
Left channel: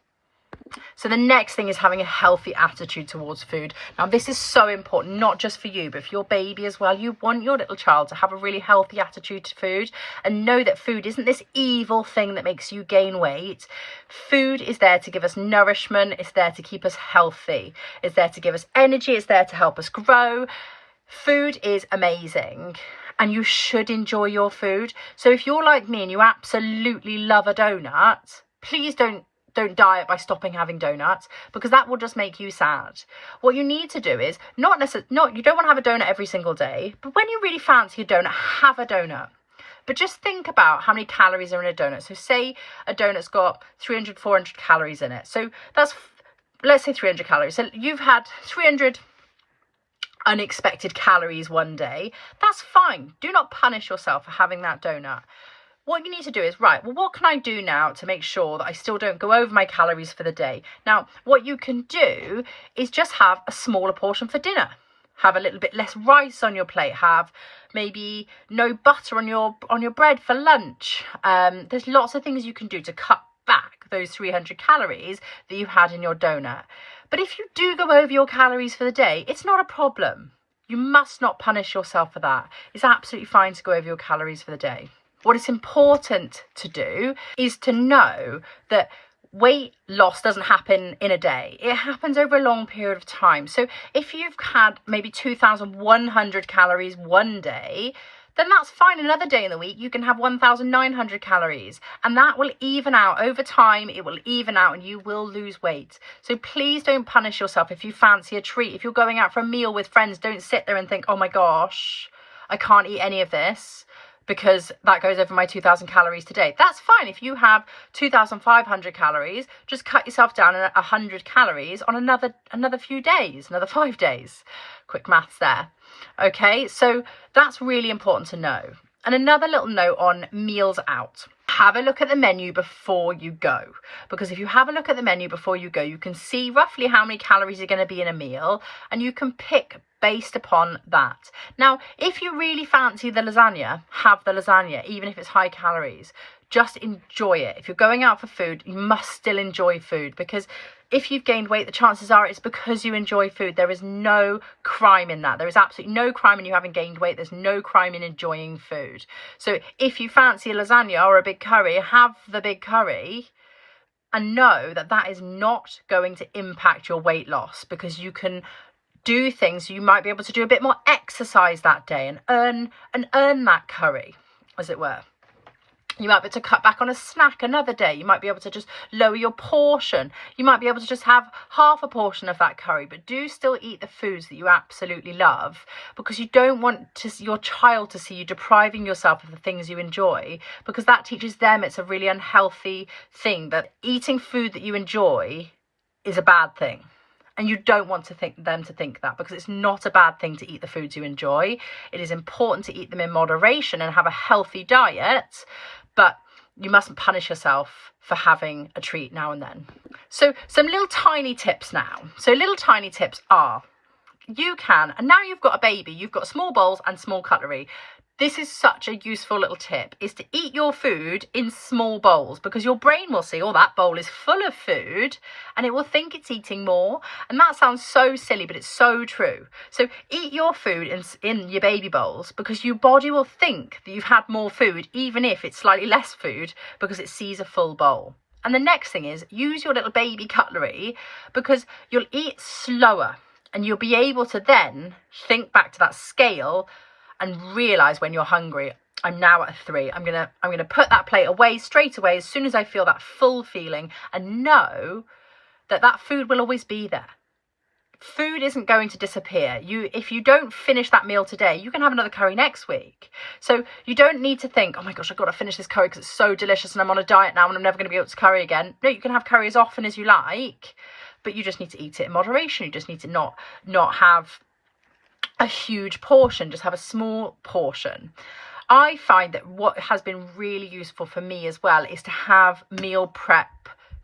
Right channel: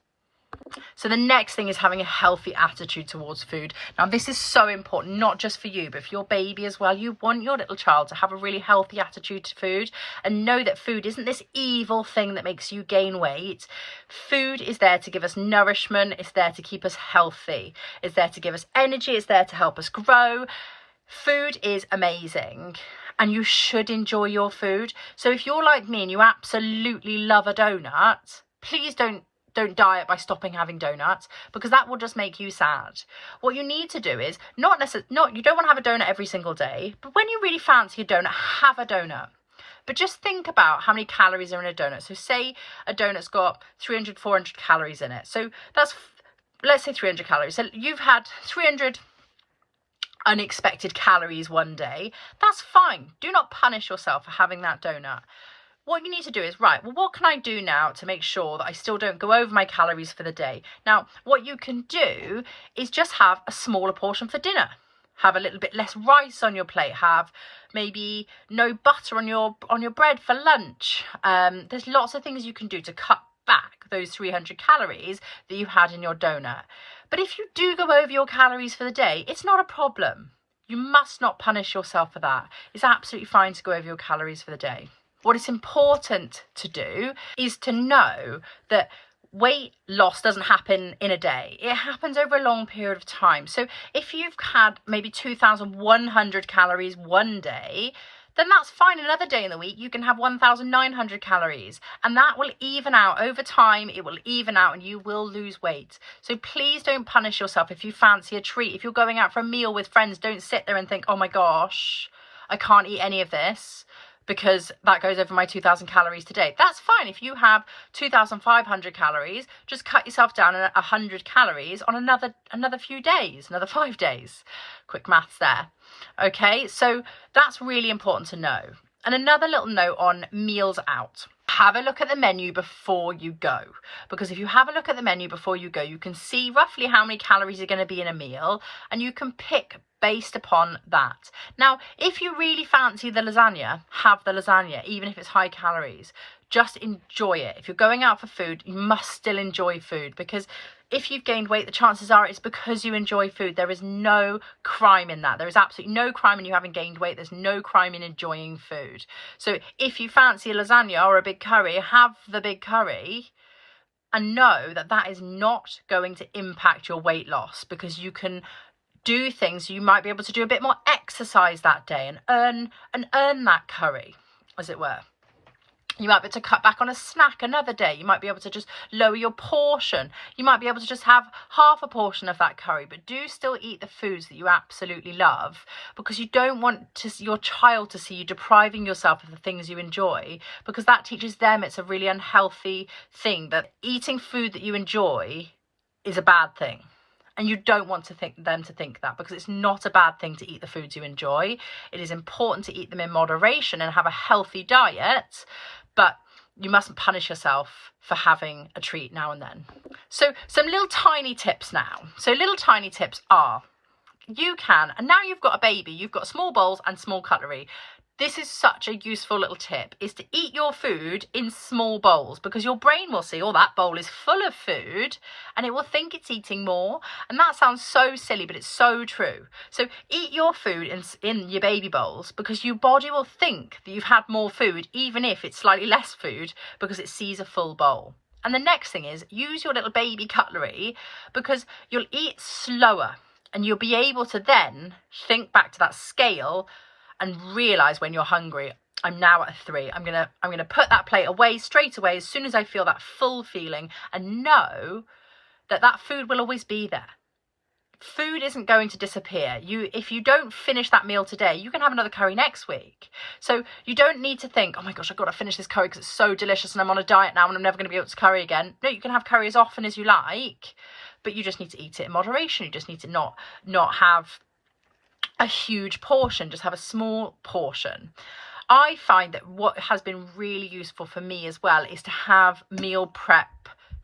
So the next thing is having a healthy attitude towards food. Now, this is so important, not just for you, but for your baby as well. You want your little child to have a really healthy attitude to food and know that food isn't this evil thing that makes you gain weight. Food is there to give us nourishment. It's there to keep us healthy. It's there to give us energy. It's there to help us grow. Food is amazing. and you should enjoy your food. So if you're like me and you absolutely love a donut, please don't diet by stopping having donuts, because that will just make you sad. What you need to do is you don't want to have a donut every single day, but when you really fancy a donut, have a donut. But just think about how many calories are in a donut. So say a donut's got 300, 400 calories in it. So that's, let's say 300 calories. So you've had 300 unexpected calories one day. That's fine. Do not punish yourself for having that donut. What you need to do is, right, well, what can I do now to make sure that I still don't go over my calories for the day? Now, what you can do is just have a smaller portion for dinner. Have a little bit less rice on your plate. Have maybe no butter on your bread for lunch. There's lots of things you can do to cut back those 300 calories that you had in your donut. But if you do go over your calories for the day, it's not a problem. You must not punish yourself for that. It's absolutely fine to go over your calories for the day. What is important to do is to know that weight loss doesn't happen in a day. It happens over a long period of time. So if you've had maybe 2,100 calories one day, then that's fine. Another day in the week, you can have 1,900 calories, and that will even out over time. It will even out and you will lose weight. So please don't punish yourself if you fancy a treat. If you're going out for a meal with friends, don't sit there and think, oh my gosh, I can't eat any of this because that goes over my 2,000 calories today. That's fine. If you have 2,500 calories, just cut yourself down 100 calories on another few days, another 5 days. Quick maths there. Okay, so that's really important to know. And another little note on meals out. Have a look at the menu before you go, because if you have a look at the menu before you go, you can see roughly how many calories are going to be in a meal, and you can pick based upon that. Now, if you really fancy the lasagna, have the lasagna, even if it's high calories. Just enjoy it. If you're going out for food, you must still enjoy food, because if you've gained weight, the chances are it's because you enjoy food. There is no crime in that. There is absolutely no crime in you having gained weight. There's no crime in enjoying food. So if you fancy a lasagna or a big curry, have the big curry and know that that is not going to impact your weight loss, because you can do things. You might be able to do a bit more exercise that day and earn that curry, as it were. You might be able to cut back on a snack another day. You might be able to just lower your portion. You might be able to just have half a portion of that curry, but do still eat the foods that you absolutely love, because you don't want your child to see you depriving yourself of the things you enjoy, because that teaches them it's a really unhealthy thing, that eating food that you enjoy is a bad thing. And you don't want them to think that, because it's not a bad thing to eat the foods you enjoy. It is important to eat them in moderation and have a healthy diet, but you mustn't punish yourself for having a treat now and then. So some little tiny tips now. So little tiny tips are, you can, and now you've got a baby, you've got small bowls and small cutlery. This is such a useful little tip, is to eat your food in small bowls, because your brain will see, oh, that bowl is full of food, and it will think it's eating more. And that sounds so silly, but it's so true. So eat your food in your baby bowls, because your body will think that you've had more food, even if it's slightly less food, because it sees a full bowl. And the next thing is, use your little baby cutlery, because you'll eat slower, and you'll be able to then think back to that scale and realize when you're hungry, I'm now at a 3. I'm gonna put that plate away straight away as soon as I feel that full feeling, and know that that food will always be there. Food isn't going to disappear. If you don't finish that meal today, you can have another curry next week. So you don't need to think, oh my gosh, I've got to finish this curry because it's so delicious and I'm on a diet now and I'm never going to be able to curry again. No, you can have curry as often as you like, but you just need to eat it in moderation. You just need to not have a huge portion, just have a small portion. I find that what has been really useful for me as well is to have meal prep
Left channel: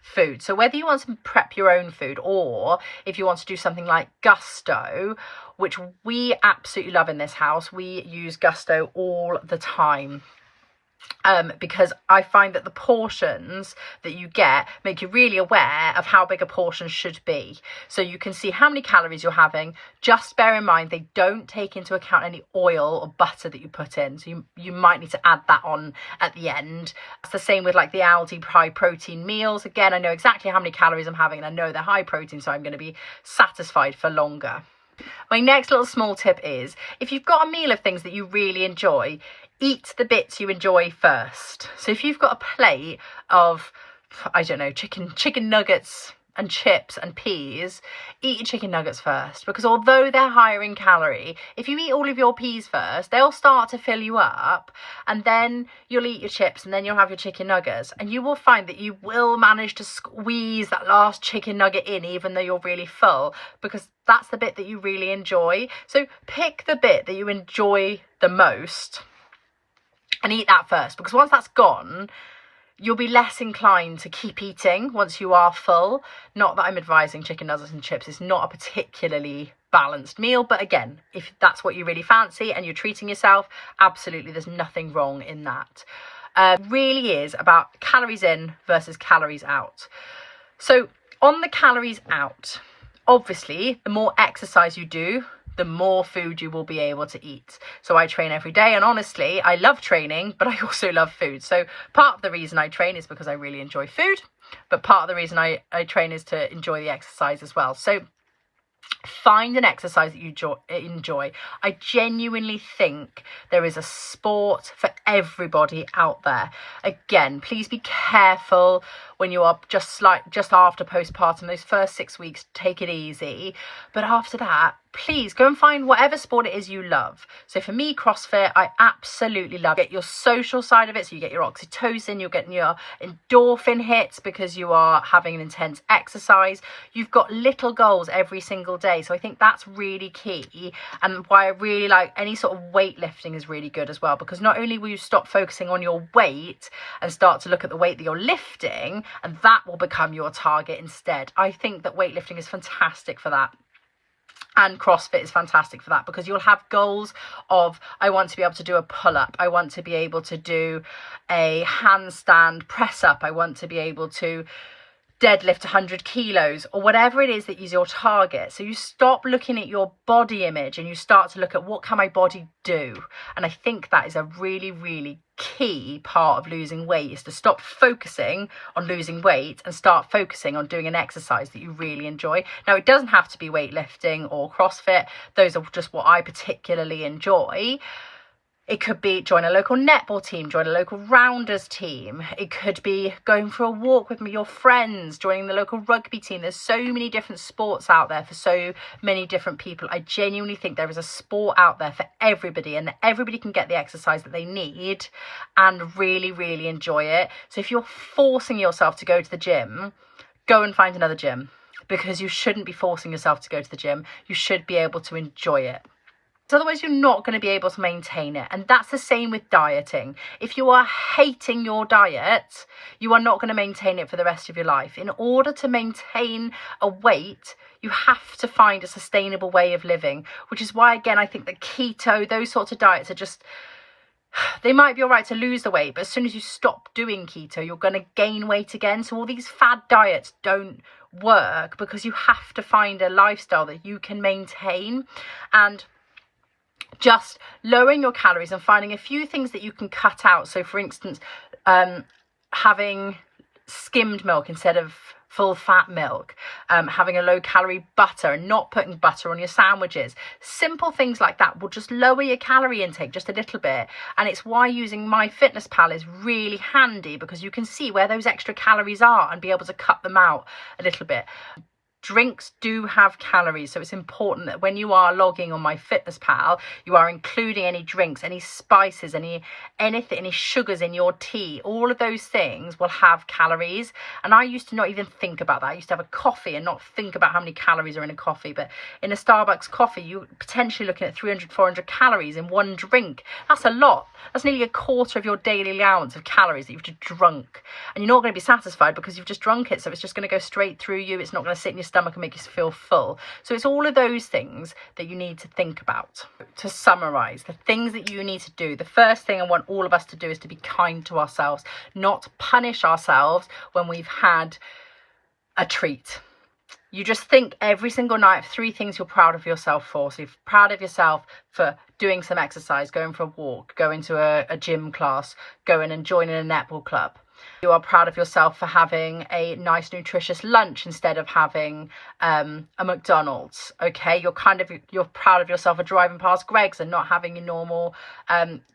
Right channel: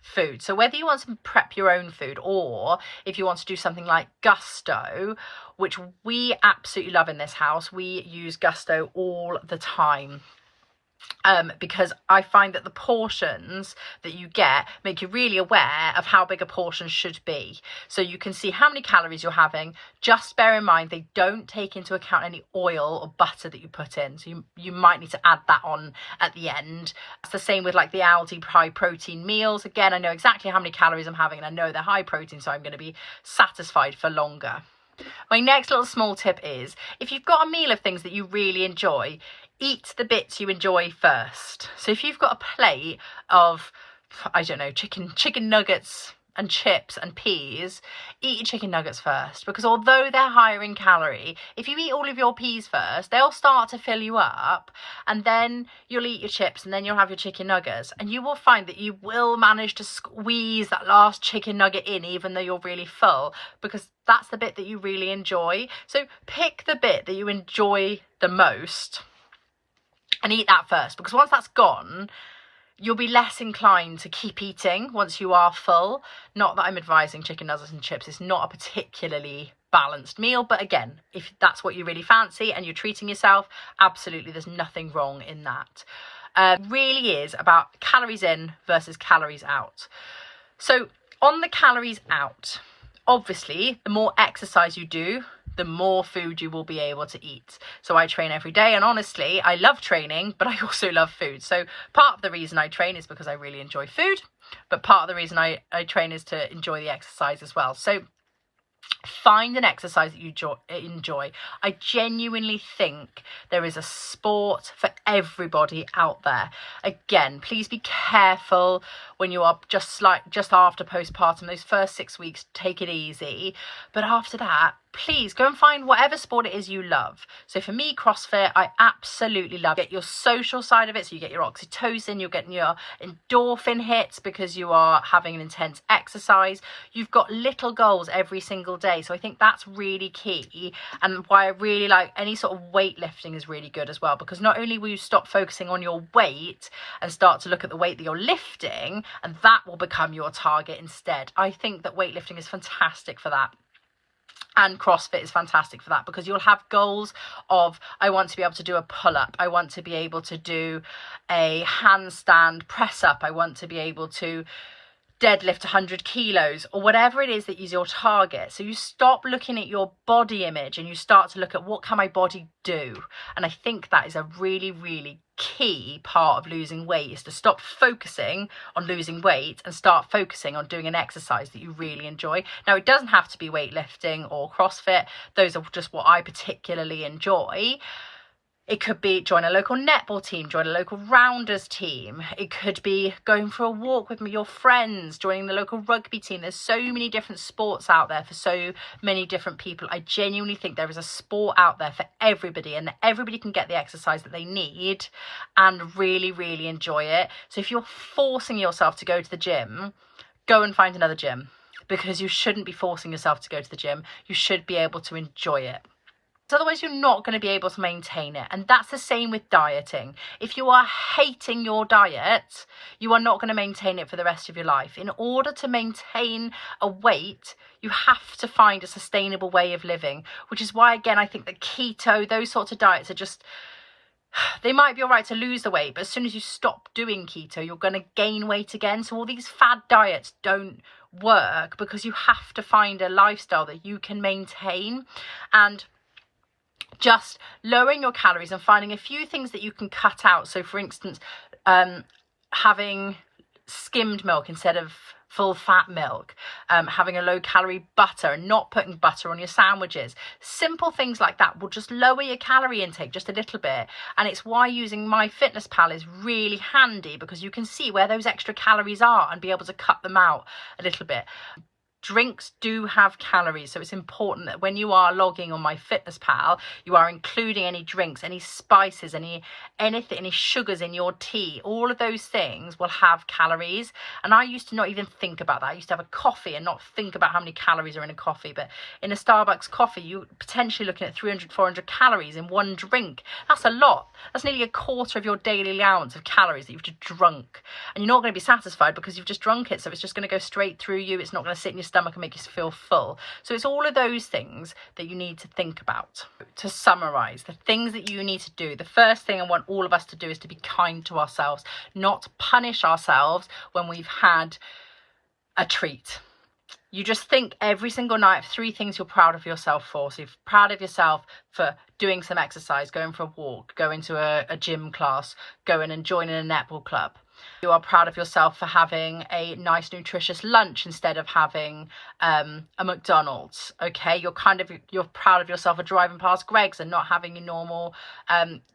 food. So whether you want to prep your own food, or if you want to do something like Gusto, which we absolutely love in this house, we use Gusto all the time. Because I find that the portions that you get make you really aware of how big a portion should be. So you can see how many calories you're having. Just bear in mind, they don't take into account any oil or butter that you put in. So you might need to add that on at the end. It's the same with like the Aldi high protein meals. Again, I know exactly how many calories I'm having and I know they're high protein, so I'm going to be satisfied for longer. My next little small tip is, if you've got a meal of things that you really enjoy, eat the bits you enjoy first. So if you've got a plate of, I don't know, chicken nuggets and chips and peas, eat your chicken nuggets first, because although they're higher in calorie, if you eat all of your peas first, they'll start to fill you up, and then you'll eat your chips, and then you'll have your chicken nuggets, and you will find that you will manage to squeeze that last chicken nugget in, even though you're really full, because that's the bit that you really enjoy. So pick the bit that you enjoy the most and eat that first, because once that's gone, you'll be less inclined to keep eating once you are full. Not that I'm advising chicken nuggets and chips. It's not a particularly balanced meal, but again, if that's what you really fancy and you're treating yourself, absolutely, there's nothing wrong in that. Really is about calories in versus calories out. So on the calories out, obviously, the more exercise you do, the more food you will be able to eat. So I train every day, and honestly, I love training, but I also love food. So part of the reason I train is because I really enjoy food, but part of the reason I train is to enjoy the exercise as well. So find an exercise that you enjoy. I genuinely think there is a sport for everybody out there. Again, please be careful when you are just after postpartum. Those first 6 weeks, take it easy, but after that, please go and find whatever sport it is you love. So for me, CrossFit, I absolutely love it. Your social side of it, so you get your oxytocin, you're getting your endorphin hits because you are having an intense exercise. You've got little goals every single day. So I think that's really key, and why I really like any sort of weightlifting is really good as well, because not only will you stop focusing on your weight and start to look at the weight that you're lifting, and that will become your target instead. I think that weightlifting is fantastic for that. And CrossFit is fantastic for that, because you'll have goals of, I want to be able to do a pull-up, I want to be able to do a handstand press up, I want to be able to deadlift 100 kilos, or whatever it is that is your target. So you stop looking at your body image and you start to look at, what can my body do? And I think that is a really, really key part of losing weight, is to stop focusing on losing weight and start focusing on doing an exercise that you really enjoy. Now, it doesn't have to be weightlifting or CrossFit. Those are just what I particularly enjoy. It could be join a local netball team, join a local rounders team. It could be going for a walk with your friends, joining the local rugby team. There's so many different sports out there for so many different people. I genuinely think there is a sport out there for everybody, and that everybody can get the exercise that they need and really, really enjoy it. So if you're forcing yourself to go to the gym, go and find another gym, because you shouldn't be forcing yourself to go to the gym. You should be able to enjoy it. So otherwise you're not going to be able to maintain it. And that's the same with dieting. If you are hating your diet, you are not going to maintain it for the rest of your life. In order to maintain a weight, you have to find a sustainable way of living, which is why, again, I think that keto, those sorts of diets are just, they might be all right to lose the weight, but as soon as you stop doing keto, you're going to gain weight again. So all these fad diets don't work, because you have to find a lifestyle that you can maintain. And just lowering your calories and finding a few things that you can cut out. So for instance, having skimmed milk instead of full fat milk, having a low calorie butter and not putting butter on your sandwiches. Simple things like that will just lower your calorie intake just a little bit. And it's why using MyFitnessPal is really handy, because you can see where those extra calories are and be able to cut them out a little bit. Drinks do have calories, so it's important that when you are logging on MyFitnessPal, you are including any drinks, any spices, anything, any sugars in your tea. All of those things will have calories. And I used to not even think about that. I used to have a coffee and not think about how many calories are in a coffee. But in a Starbucks coffee, you're potentially looking at 300, 400 calories in one drink. That's a lot. That's nearly a quarter of your daily allowance of calories that you've just drunk. And you're not going to be satisfied because you've just drunk it. So it's just going to go straight through you. It's not going to sit in your stomach and make you feel full. So it's all of those things that you need to think about. To summarize, the things that you need to do, the first thing I want all of us to do is to be kind to ourselves, not punish ourselves when we've had a treat. You just think every single night of 3 things you're proud of yourself for. So you're proud of yourself for doing some exercise, going for a walk, going to a gym class, going and joining a netball club. You are proud of yourself for having a nice nutritious lunch instead of having a McDonald's. Okay, you're proud of yourself for driving past Greg's and not having a normal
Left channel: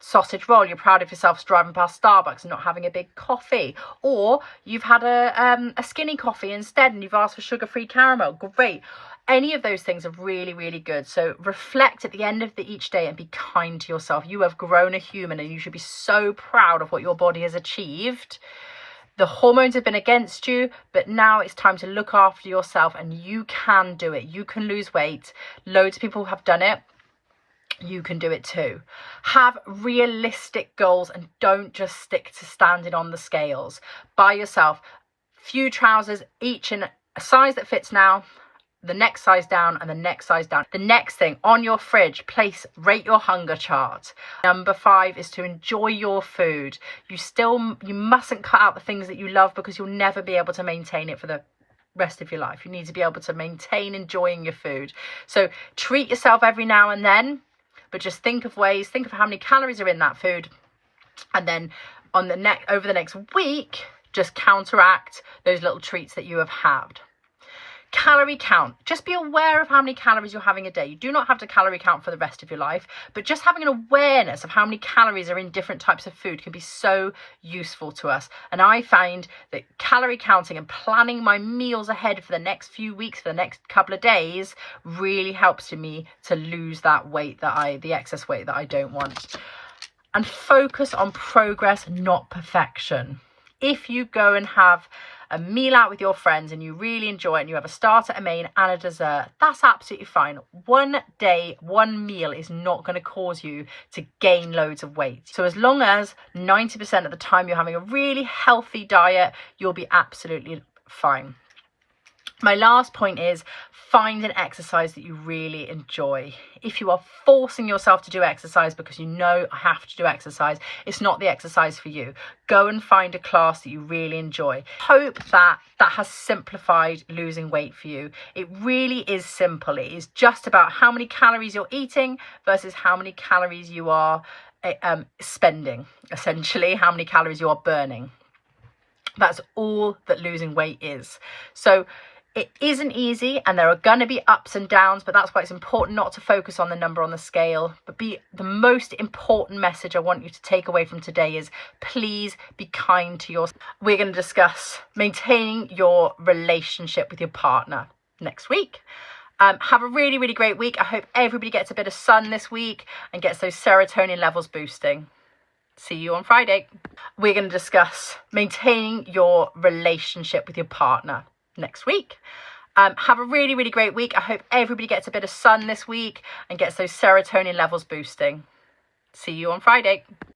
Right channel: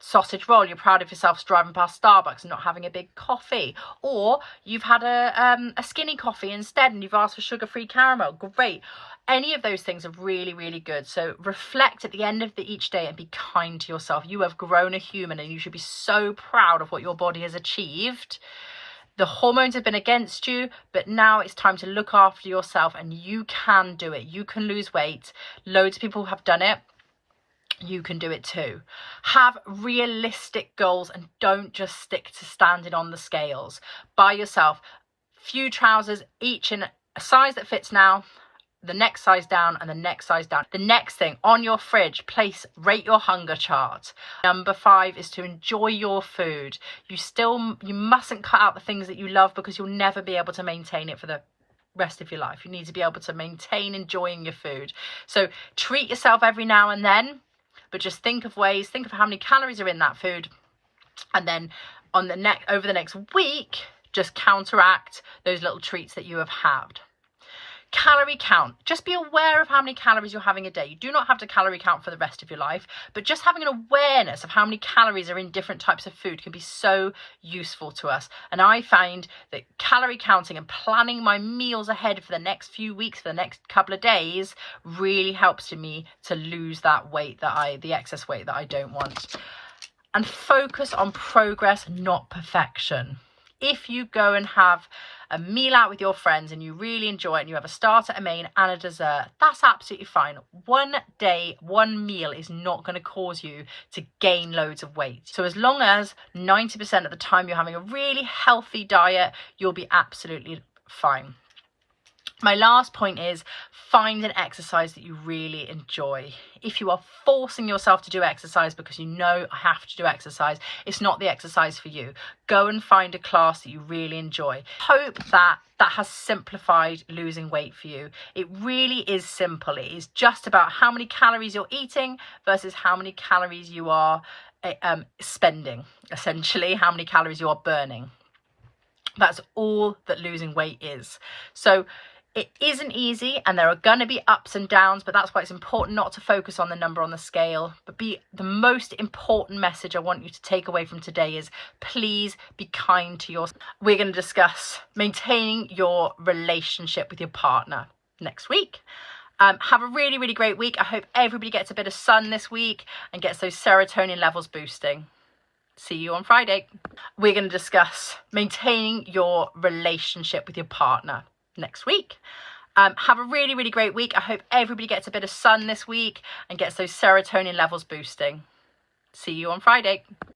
sausage roll. You're proud of yourself for driving past Starbucks and not having a big coffee. Or you've had a skinny coffee instead and you've asked for sugar-free caramel. Great. Any of those things are really, really good. So reflect at the end of each day and be kind to yourself. You have grown a human and you should be so proud of what your body has achieved. The hormones have been against you, but now it's time to look after yourself, and you can do it. You can lose weight. Loads of people have done it. You can do it too. Have realistic goals and don't just stick to standing on the scales. Buy yourself few trousers, each in a size that fits now, the next size down and the next size down. The next thing on your fridge, rate your hunger chart. Number 5 is to enjoy your food. You mustn't cut out the things that you love because you'll never be able to maintain it for the rest of your life. You need to be able to maintain enjoying your food. So treat yourself every now and then, but just think of how many calories are in that food. And then over the next week, just counteract those little treats that you have had. Calorie count. Just be aware of how many calories you're having a day. You do not have to calorie count for the rest of your life, but just having an awareness of how many calories are in different types of food can be so useful to us. And I find that calorie counting and planning my meals ahead for the next few weeks, for the next couple of days, really helps me to lose that weight, the excess weight that I don't want. And focus on progress, not perfection. If you go and have a meal out with your friends and you really enjoy it and you have a starter, a main and a dessert, that's absolutely fine. One day, one meal is not going to cause you to gain loads of weight. So as long as 90% of the time you're having a really healthy diet, you'll be absolutely fine. My last point is find an exercise that you really enjoy. If you are forcing yourself to do exercise because you know I have to do exercise, it's not the exercise for you. Go and find a class that you really enjoy. Hope that has simplified losing weight for you. It really is simple. It is just about how many calories you're eating versus how many calories you are spending, essentially, how many calories you are burning. That's all that losing weight is. So it isn't easy and there are going to be ups and downs, but that's why it's important not to focus on the number on the scale. But the most important message I want you to take away from today is please be kind to yourself. We're going to discuss maintaining your relationship with your partner next week. Have a really, really great week. I hope everybody gets a bit of sun this week and gets those serotonin levels boosting. See you on Friday. We're going to discuss maintaining your relationship with your partner next week. Have a really, really great week. I hope everybody gets a bit of sun this week and gets those serotonin levels boosting. See you on Friday.